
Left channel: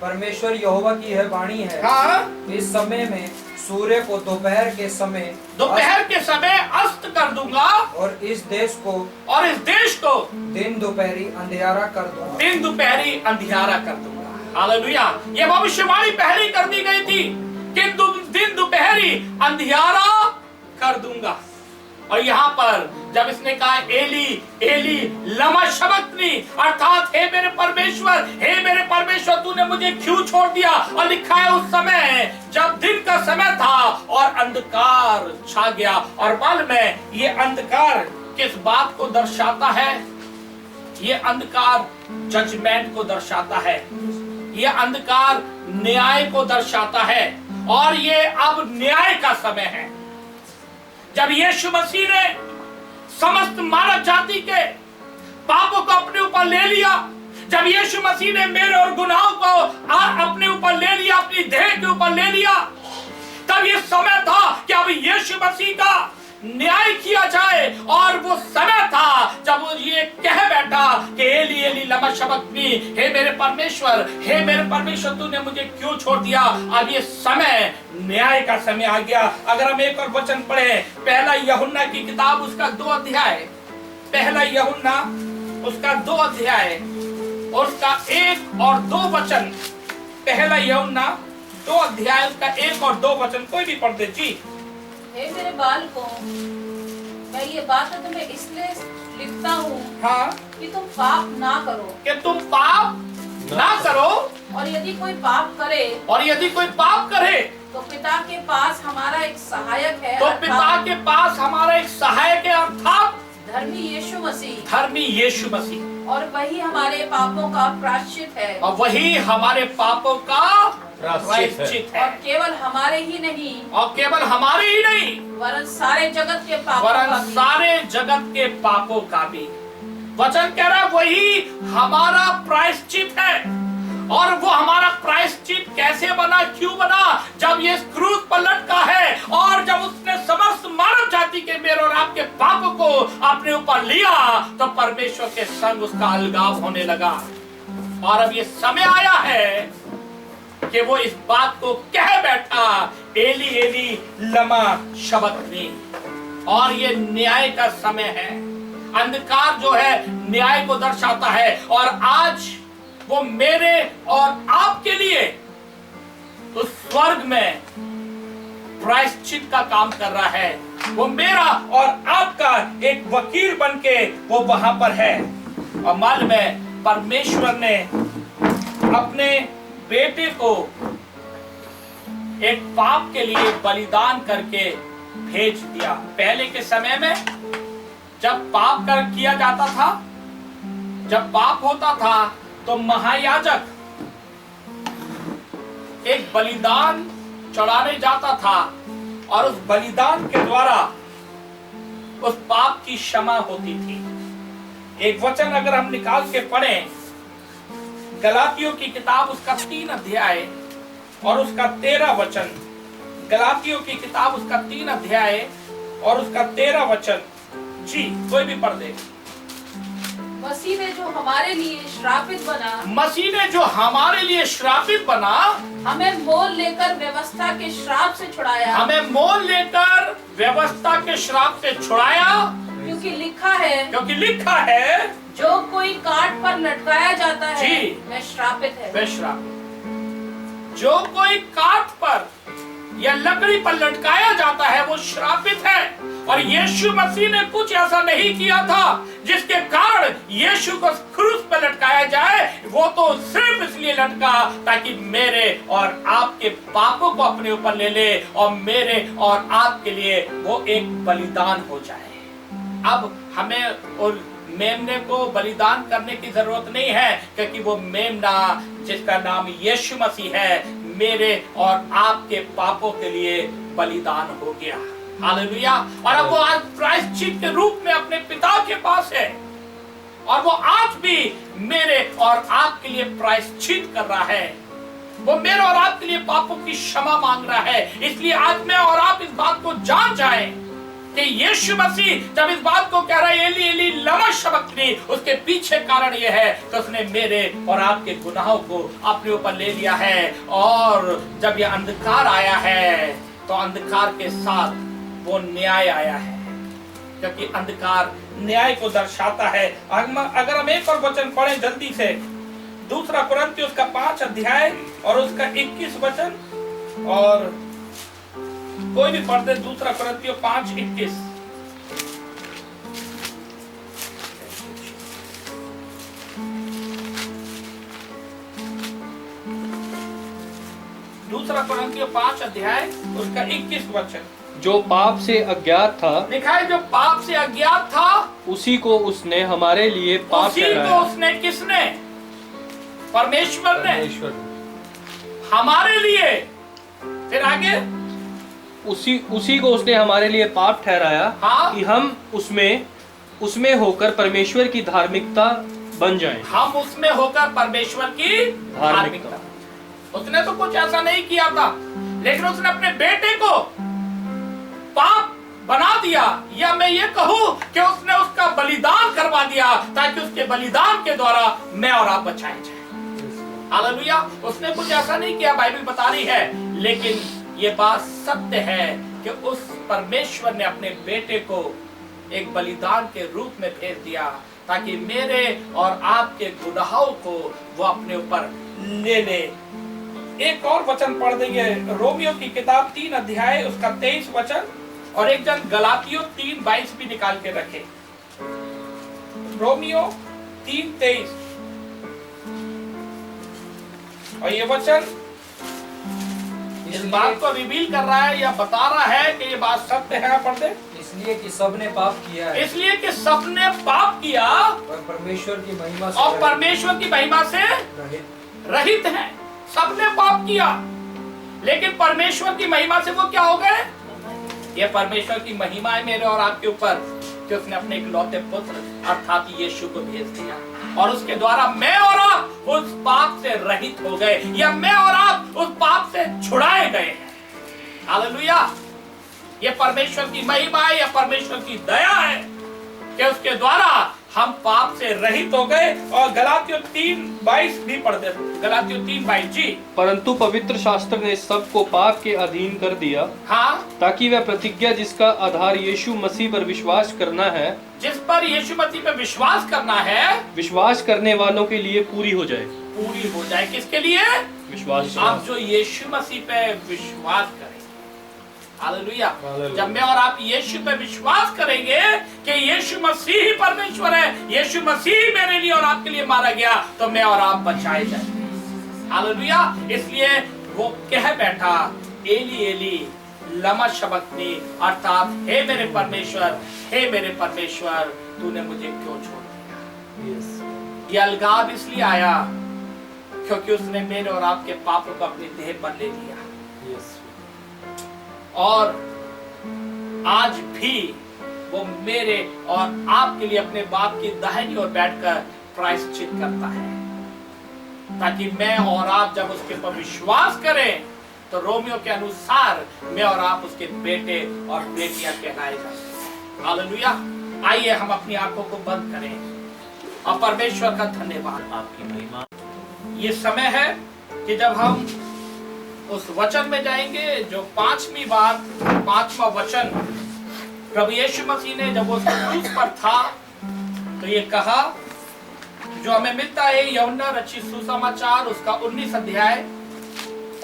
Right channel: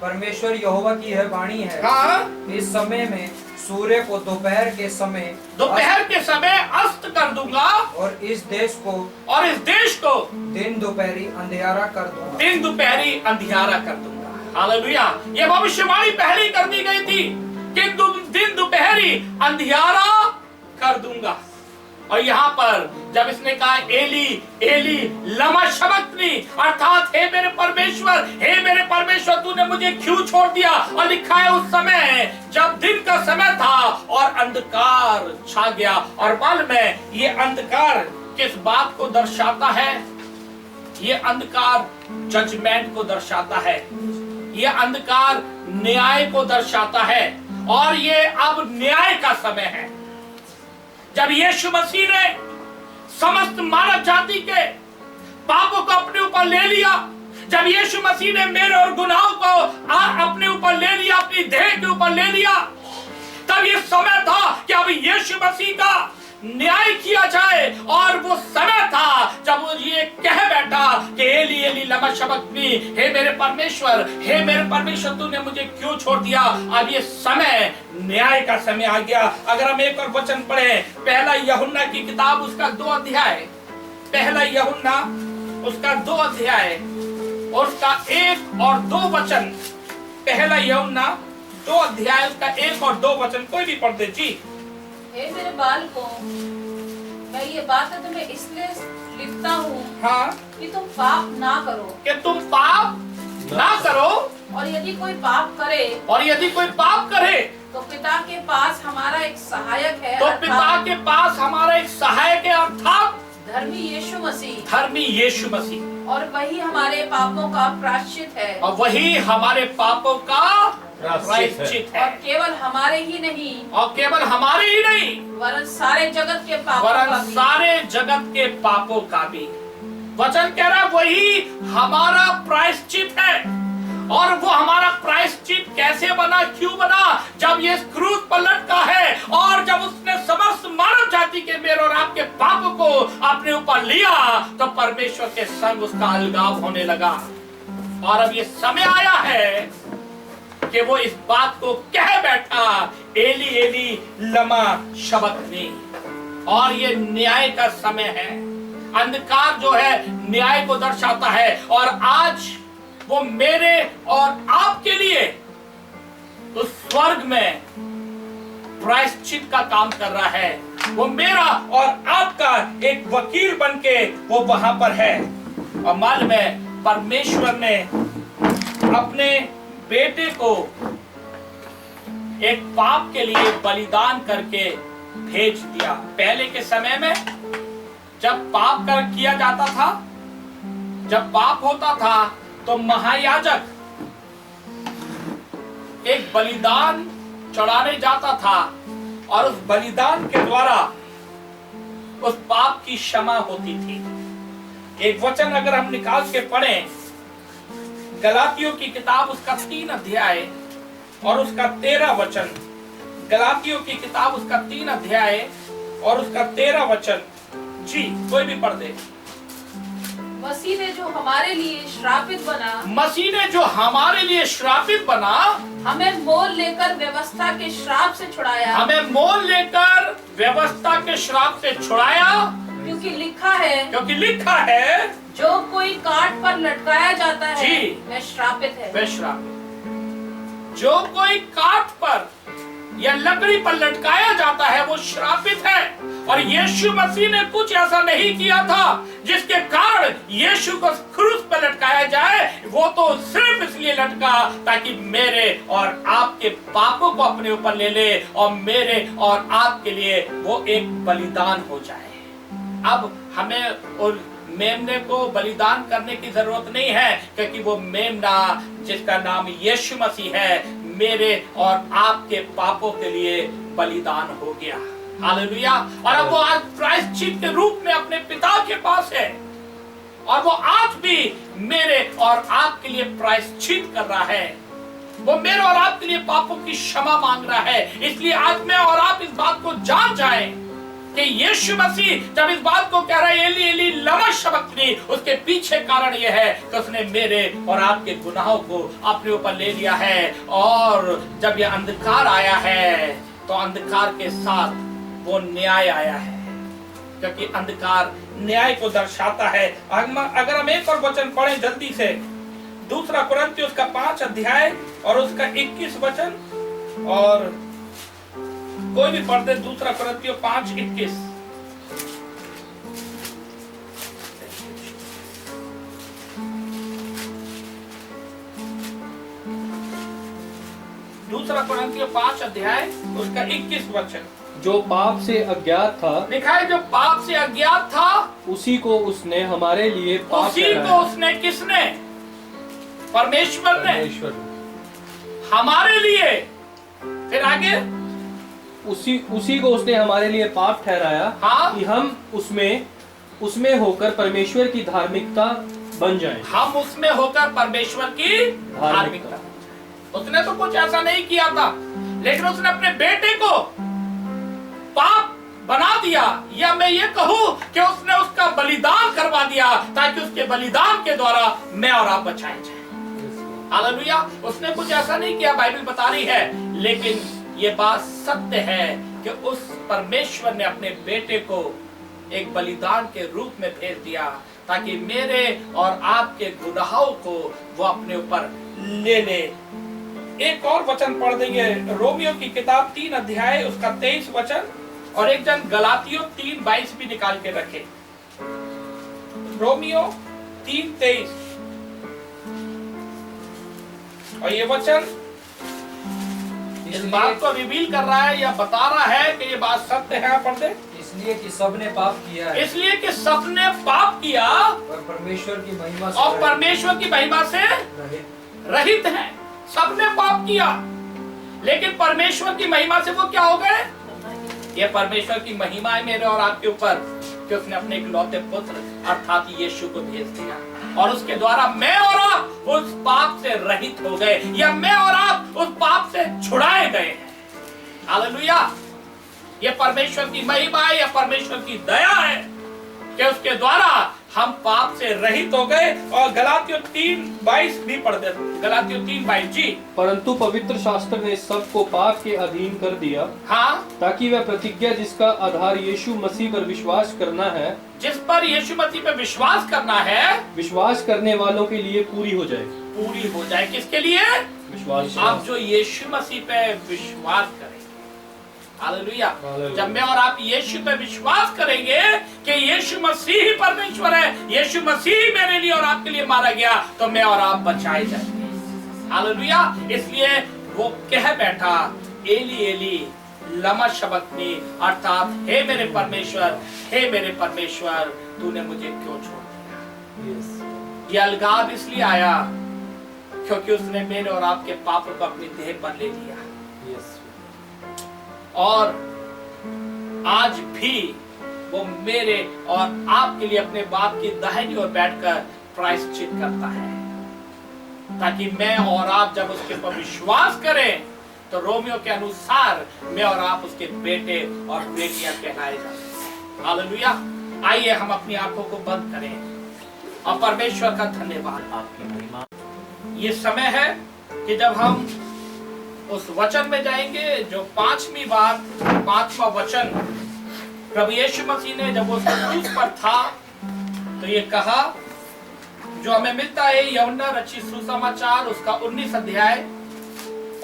परमेश्वर यहोवा की यह वाणी है। हाँ? इस समय में सूर्य को दोपहर के समय अस्त कर दूंगा और इस देश को दिन दोपहरी अंधियारा कर दूंगा। हालेलुया। ये भविष्यवाणी पहले कर दी गई थी कि दिन दोपहरी अंधियारा कर दूंगा। और यहाँ पर जब इसने कहा एली एली लमा शबक्तनी, अर्थात हे मेरे परमेश्वर तूने मुझे क्यों छोड़ दिया। और लिखा है उस समय जब दिन का समय था और अंधकार छा गया। और मालूम है ये अंधकार किस बात को दर्शाता है? ये अंधकार जजमेंट को दर्शाता है, ये अंधकार न्याय को दर्शाता है। और ये अब न्याय का समय है जब यीशु मसीह ने समस्त मानव जाति के पापों को अपने ऊपर ले लिया, जब यीशु मसीह ने मेरे और गुनाहों को अपने ऊपर ले लिया, अपनी देह के ऊपर ले लिया, तब ये समय था कि अब यीशु मसीह का न्याय किया जाए। और वो समय था जब वो ये कह बैठा कि एली एली लमा शबक्तनी, हे मेरे परमेश्वर तूने मुझे क्यों छोड़ दिया। अब ये समय न्याय का समय आ गया। अगर हम एक और वचन पढ़े, पहला यूहन्ना की किताब उसका 2 अध्याय, पहला यूहन्ना उसका 2 अध्याय और उसका 1 और 2 वचन, पहला यूहन्ना 2 अध्याय उसका 1 और 2 वचन, कोई भी पढ़ दे जी। हे मेरे बालकों, मैं ये बात तुम्हें इसलिए लिखता हूँ हाँ, कि तुम पाप ना करो, कि तुम पाप ना करो। और यदि कोई पाप करे तो पिता के पास हमारा एक सहायक है, अर्थात धर्मी यीशु मसीह। और वही हमारे पापों का प्रायश्चित है, प्रायश्चित है। और केवल हमारे ही नहीं वरन सारे जगत के पापों का भी। वचन कह रहा है वही हमारा प्रायश्चित है। और वो हमारा प्रायश्चित कैसे बना, क्यों बना? जब ये क्रूस पर लटका है और जब उसने समस्त मानव जाति के मेरे और आपके पापों को अपने ऊपर लिया, तो परमेश्वर के संग उसका अलगाव होने लगा। और अब ये समय आया है कि वो इस बात को कह बैठा, एली एली लमा शबक्तनी। और ये न्याय का समय है। अंधकार जो है न्याय को दर्शाता है। और आज वो मेरे और आपके लिए उस स्वर्ग में प्रायश्चित का काम कर रहा है। वो मेरा और आपका एक वकील बनके वो वहां पर है। और मालूम है परमेश्वर ने अपने बेटे को एक पाप के लिए बलिदान करके भेज दिया। पहले के समय में जब पाप किया जाता था, जब पाप होता था, तो महायाजक एक बलिदान चढ़ाने जाता था और उस बलिदान के द्वारा उस पाप की क्षमा होती थी। एक वचन अगर हम निकाल के पढ़ें, गलातियों की किताब उसका 3 अध्याय और उसका 13 वचन, गलातियों की किताब उसका 3 अध्याय और उसका 13 वचन जी, कोई भी पढ़ दे। मसीह ने जो हमारे लिए श्रापित बना, हमें मोल लेकर व्यवस्था के श्राप से छुड़ाया, क्योंकि लिखा है जो कोई काट पर लटकाया जाता है वह श्रापित है। जो कोई काट पर या लकड़ी पर लटकाया जाता है वो श्रापित है। और यीशु मसीह ने कुछ ऐसा नहीं किया था जिसके कारण यीशु को क्रूस पर लटकाया जाए। वो तो सिर्फ इसलिए लटका ताकि मेरे और आपके पापों को अपने ऊपर ले ले और मेरे और आपके लिए वो एक बलिदान हो जाए। अब हमें और मेमने को बलिदान करने की जरूरत नहीं है, क्योंकि वो मेमना जिसका नाम यीशु मसीह है मेरे और आपके पापों के लिए बलिदान हो गया। हालेलुया। और अब वो आज प्रायश्चित के रूप में अपने पिता के पास है और वो आज भी मेरे और आपके लिए प्रायश्चित कर रहा है। वो मेरे और आपके लिए पापों की क्षमा मांग रहा है। इसलिए आज मैं और आप इस बात को जान जाएं कि यीशु मसीह जब इस बात को कह रहा है एली एली लमा शबक्तनी, उसके पीछे कारण यह है कि उसने मेरे और आपके गुनाहों को अपने ऊपर ले लिया है। और जब यह अंधकार आया है तो अंधकार के साथ वो न्याय आया है, क्योंकि अंधकार न्याय को दर्शाता है। अगर हम एक और वचन पढ़ें जल्दी से, 2 कुरिन्थियों उसका 5 अध्याय और उसका 21 वचन, और कोई भी पढ़ दे 2 कुरिन्थियों 5:21। दूसरा कुरिन्थियों 5 अध्याय उसका 21 वचन। जो पाप से अज्ञात था, लिखा है जो पाप से अज्ञात था उसी को उसने हमारे लिए पाप उसी ठहराया। को उसने, किसने? परमेश्वर ने परमेश्वर हमारे लिए। फिर आगे उसी को उसने हमारे लिए पाप ठहराया, हाँ। कि हम उसमें होकर परमेश्वर की धार्मिकता बन जाएं। हम उसमें होकर परमेश्वर की धार्मिकता। उसने तो कुछ ऐसा नहीं किया था, लेकिन उसने अपने बेटे को पाप बना दिया, या मैं ये कहूं कि उसने उसका बलिदान करवा दिया ताकि उसके बलिदान के द्वारा मैं और आप बचाए जाए। हालेलुया। उसने कुछ ऐसा नहीं किया, बाइबल बता रही है, लेकिन ये बात सत्य है कि उस परमेश्वर ने अपने बेटे को एक बलिदान के रूप में भेज दिया ताकि मेरे और आपके गुनाहों को वो अपने ऊपर ले ले। एक और वचन पढ़ देंगे, रोमियो की किताब 3 अध्याय उसका 23 वचन, और एक जन गलातियों 3:22 भी निकाल के रखे। रोमियो 3:23, और ये वचन इस बात को रिवील कर रहा है या बता रहा है कि ये बात सत्य है। पढ़ दे। इसलिए कि सबने पाप किया है, इसलिए कि सबने पाप किया और परमेश्वर की महिमा से और परमेश्वर की महिमा से रहित है। सबने पाप किया, लेकिन परमेश्वर की महिमा से वो क्या हो गए? ये परमेश्वर की महिमा है मेरे और आपके ऊपर कि उसने अपने इकलौते पुत्र अर्थात यीशु को भेज दिया, और उसके द्वारा मैं और आप उस पाप से रहित हो गए, या मैं और आप उस पाप से छुड़ाए गए हैं। हालेलुया। ये परमेश्वर की महिमा है या परमेश्वर की दया है कि उसके द्वारा हम पाप से रहित हो गए। और गलातियों 3:22 भी पढ़ दे। गलातियों 3:22 जी। परंतु पवित्र शास्त्र ने सबको पाप के अधीन कर दिया, हाँ, ताकि वह प्रतिज्ञा जिसका आधार यीशु मसीह पर विश्वास करना है, जिस पर यीशु मसीह पे विश्वास करना है, विश्वास करने वालों के लिए पूरी हो जाए। पूरी हो जाए। किसके लिए? विश्वास। आप जो यीशु मसीह पे विश्वास करेंगे। हालेलुया। जब मैं और आप यीशु पे विश्वास करेंगे कि यीशु मसीह ही परमेश्वर है, यीशु मसीह मेरे लिए और आपके लिए मारा गया, तो मैं और आप बचाए जाएंगे। हालेलुया। इसलिए वो कह बैठा, एली एली लमा शबक्तनी, अर्थात हे मेरे परमेश्वर, हे मेरे परमेश्वर, तूने मुझे क्यों छोड़ दिया। ये अलगाव इसलिए आया क्योंकि उसने मेरे और आपके पापों को अपनी देह पर ले लिया। और आज भी वो मेरे और आपके लिए अपने बाप की दाहिनी ओर बैठकर प्रायश्चित करता है, ताकि मैं और आप जब उसके ऊपर विश्वास करें तो रोमियो के अनुसार मैं और आप उसके बेटे और बेटियां कहलाए जाते। हालेलुया। आइए हम अपनी आंखों को बंद करें और परमेश्वर का धन्यवाद। आपकी महिमा। ये समय है कि जब हम उस वचन में जाएंगे जो 5वीं बात, 5वां वचन प्रभु यीशु मसीह ने जब वो क्रूस पर था तो ये कहा, जो हमें मिलता है यूहन्ना रचित सुसमाचार उसका 19 अध्याय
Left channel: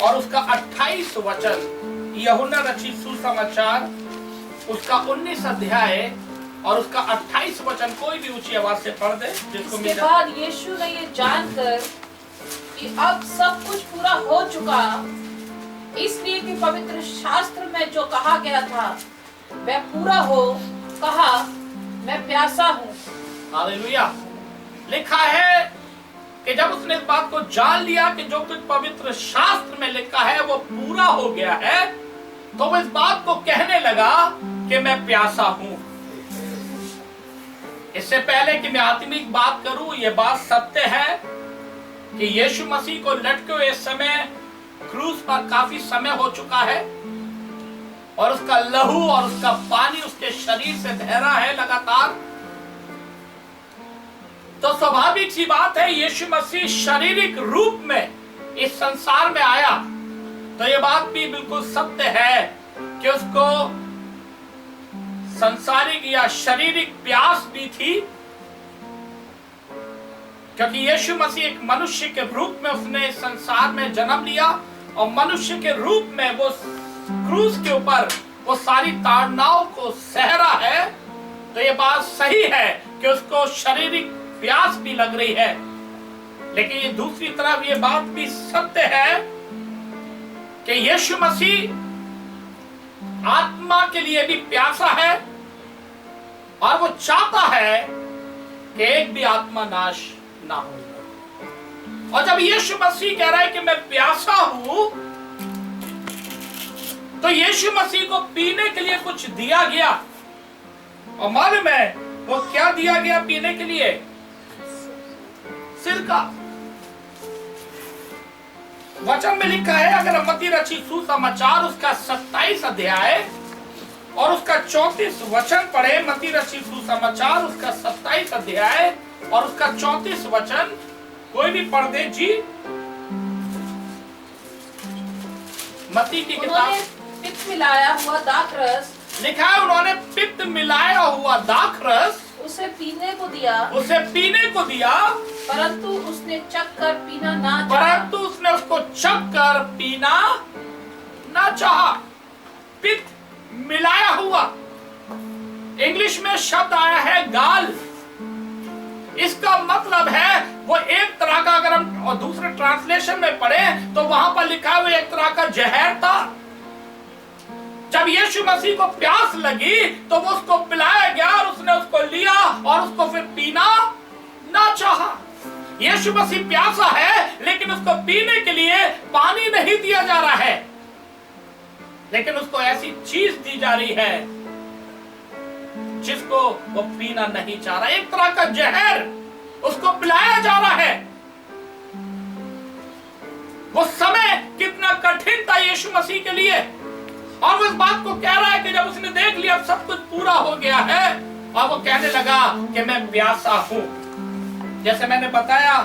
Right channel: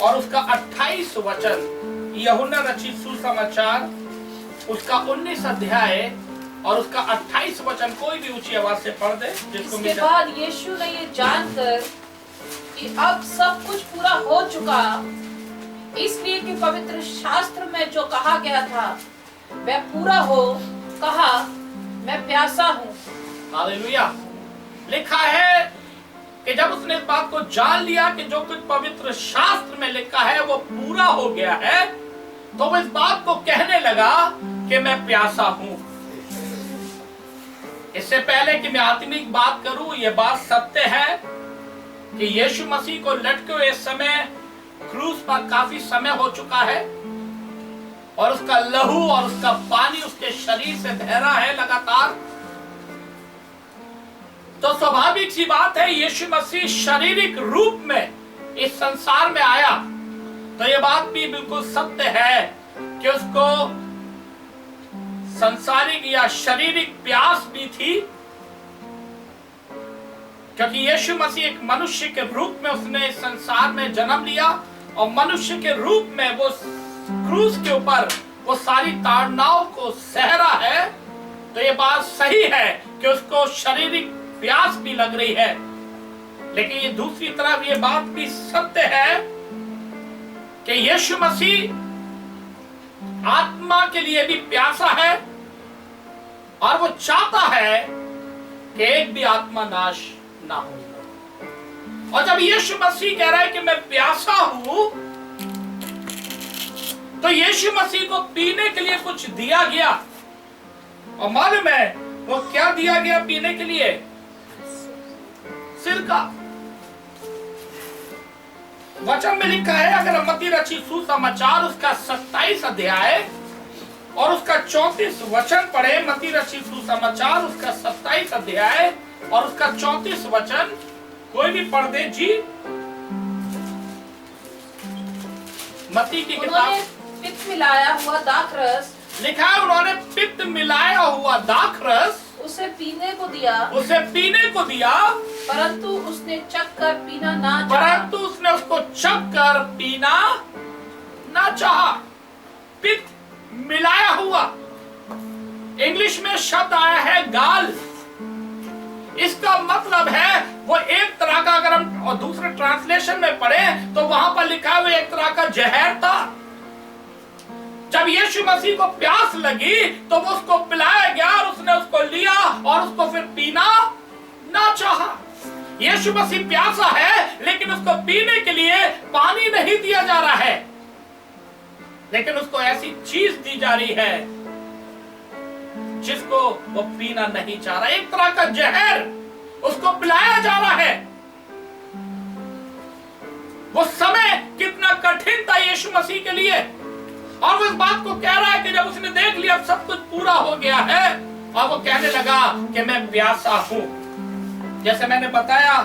और उसका 28 वचन। यूहन्ना रचित सुसमाचार उसका 19 अध्याय और उसका 28 वचन। कोई भी ऊंची आवाज से पढ़ दे जिसको। इसके बाद यीशु ने ये जानकर कि अब सब कुछ पूरा हो चुका, इसलिए कि पवित्र शास्त्र में जो कहा गया था वह पूरा हो, कहा, मैं प्यासा हूँ। हालेलुया। लिखा है कि जब उसने इस बात को जान लिया कि जो कुछ पवित्र शास्त्र में लिखा है वो पूरा हो गया है, तो वो इस बात को कहने लगा कि मैं प्यासा हूँ। इससे पहले कि मैं आत्मिक बात करूं, ये बात सत्य है कि यीशु मसीह को लटके हुए समय क्रूस पर काफी समय हो चुका है और उसका लहू और उसका पानी उसके शरीर से बह रहा है लगातार। तो स्वाभाविक सी बात है, यीशु मसीह शारीरिक रूप में इस संसार में आया, तो ये बात भी बिल्कुल सत्य है कि उसको सांसारिक या शारीरिक प्यास भी थी, क्योंकि यीशु मसीह एक मनुष्य के रूप में उसने संसार में जन्म लिया और मनुष्य के रूप में वो क्रूस के ऊपर वो सारी ताड़नाओं को सह रहा है। तो ये बात सही है कि उसको शारीरिक प्यास भी लग रही है, लेकिन ये दूसरी तरफ ये बात भी सत्य है कि यीशु मसीह आत्मा के लिए भी प्यासा है और वो चाहता है कि एक भी आत्मा नाश ना हो। और जब यीशु मसीह कह रहा है कि मैं प्यासा हूं, तो यीशु मसीह को पीने के लिए कुछ दिया गया। और मालूम है वो क्या दिया गया पीने के लिए? सिरका। वचन में लिखा है, अगर हम मत्ती रचित सुसमाचार उसका 27 अध्याय और उसका 34 वचन पढ़े, मत्ती रचित सुसमाचार उसका 27 अध्याय और उसका 34 वचन, कोई भी पढ़ दे जी। मत्ती की किताब, पित्त मिलाया हुआ दाखरस, लिखा है उन्होंने पित्त मिलाया हुआ दाखरस उसे पीने को दिया, परंतु उसने चखकर पीना ना चाहा। पित्त मिलाया हुआ, इंग्लिश में शब्द आया है गाल। इसका मतलब है वो एक तरह का, अगर हम और दूसरे ट्रांसलेशन में पढ़े तो वहां पर लिखा हुआ एक तरह का जहर था। जब यीशु मसीह को प्यास लगी तो वो उसको पिलाया गया और उसने उसको लिया और उसको फिर पीना ना चाहा। यीशु मसीह प्यासा है, लेकिन उसको पीने के लिए पानी नहीं दिया जा रहा है, लेकिन उसको ऐसी चीज दी जा रही है जिसको वो पीना नहीं चाह रहा। एक तरह का जहर उसको पिलाया जा रहा है। वो समय कितना कठिन था यीशु मसीह के लिए, और वो इस बात को कह रहा है कि जब उसने देख लिया सब कुछ पूरा हो गया है, और वो कहने लगा कि मैं प्यासा हूं। जैसे मैंने बताया,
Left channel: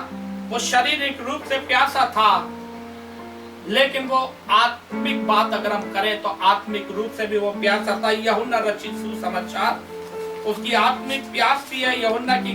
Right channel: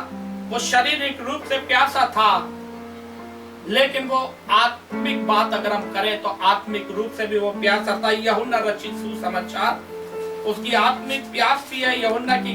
वो शारीरिक रूप से प्यासा था, लेकिन वो आत्मिक बात अगर हम करें तो आत्मिक रूप से भी वो प्यासा था। यूहन्ना रचित सुसमाचार उसकी आत्मिक प्यास भी है। यूहन्ना की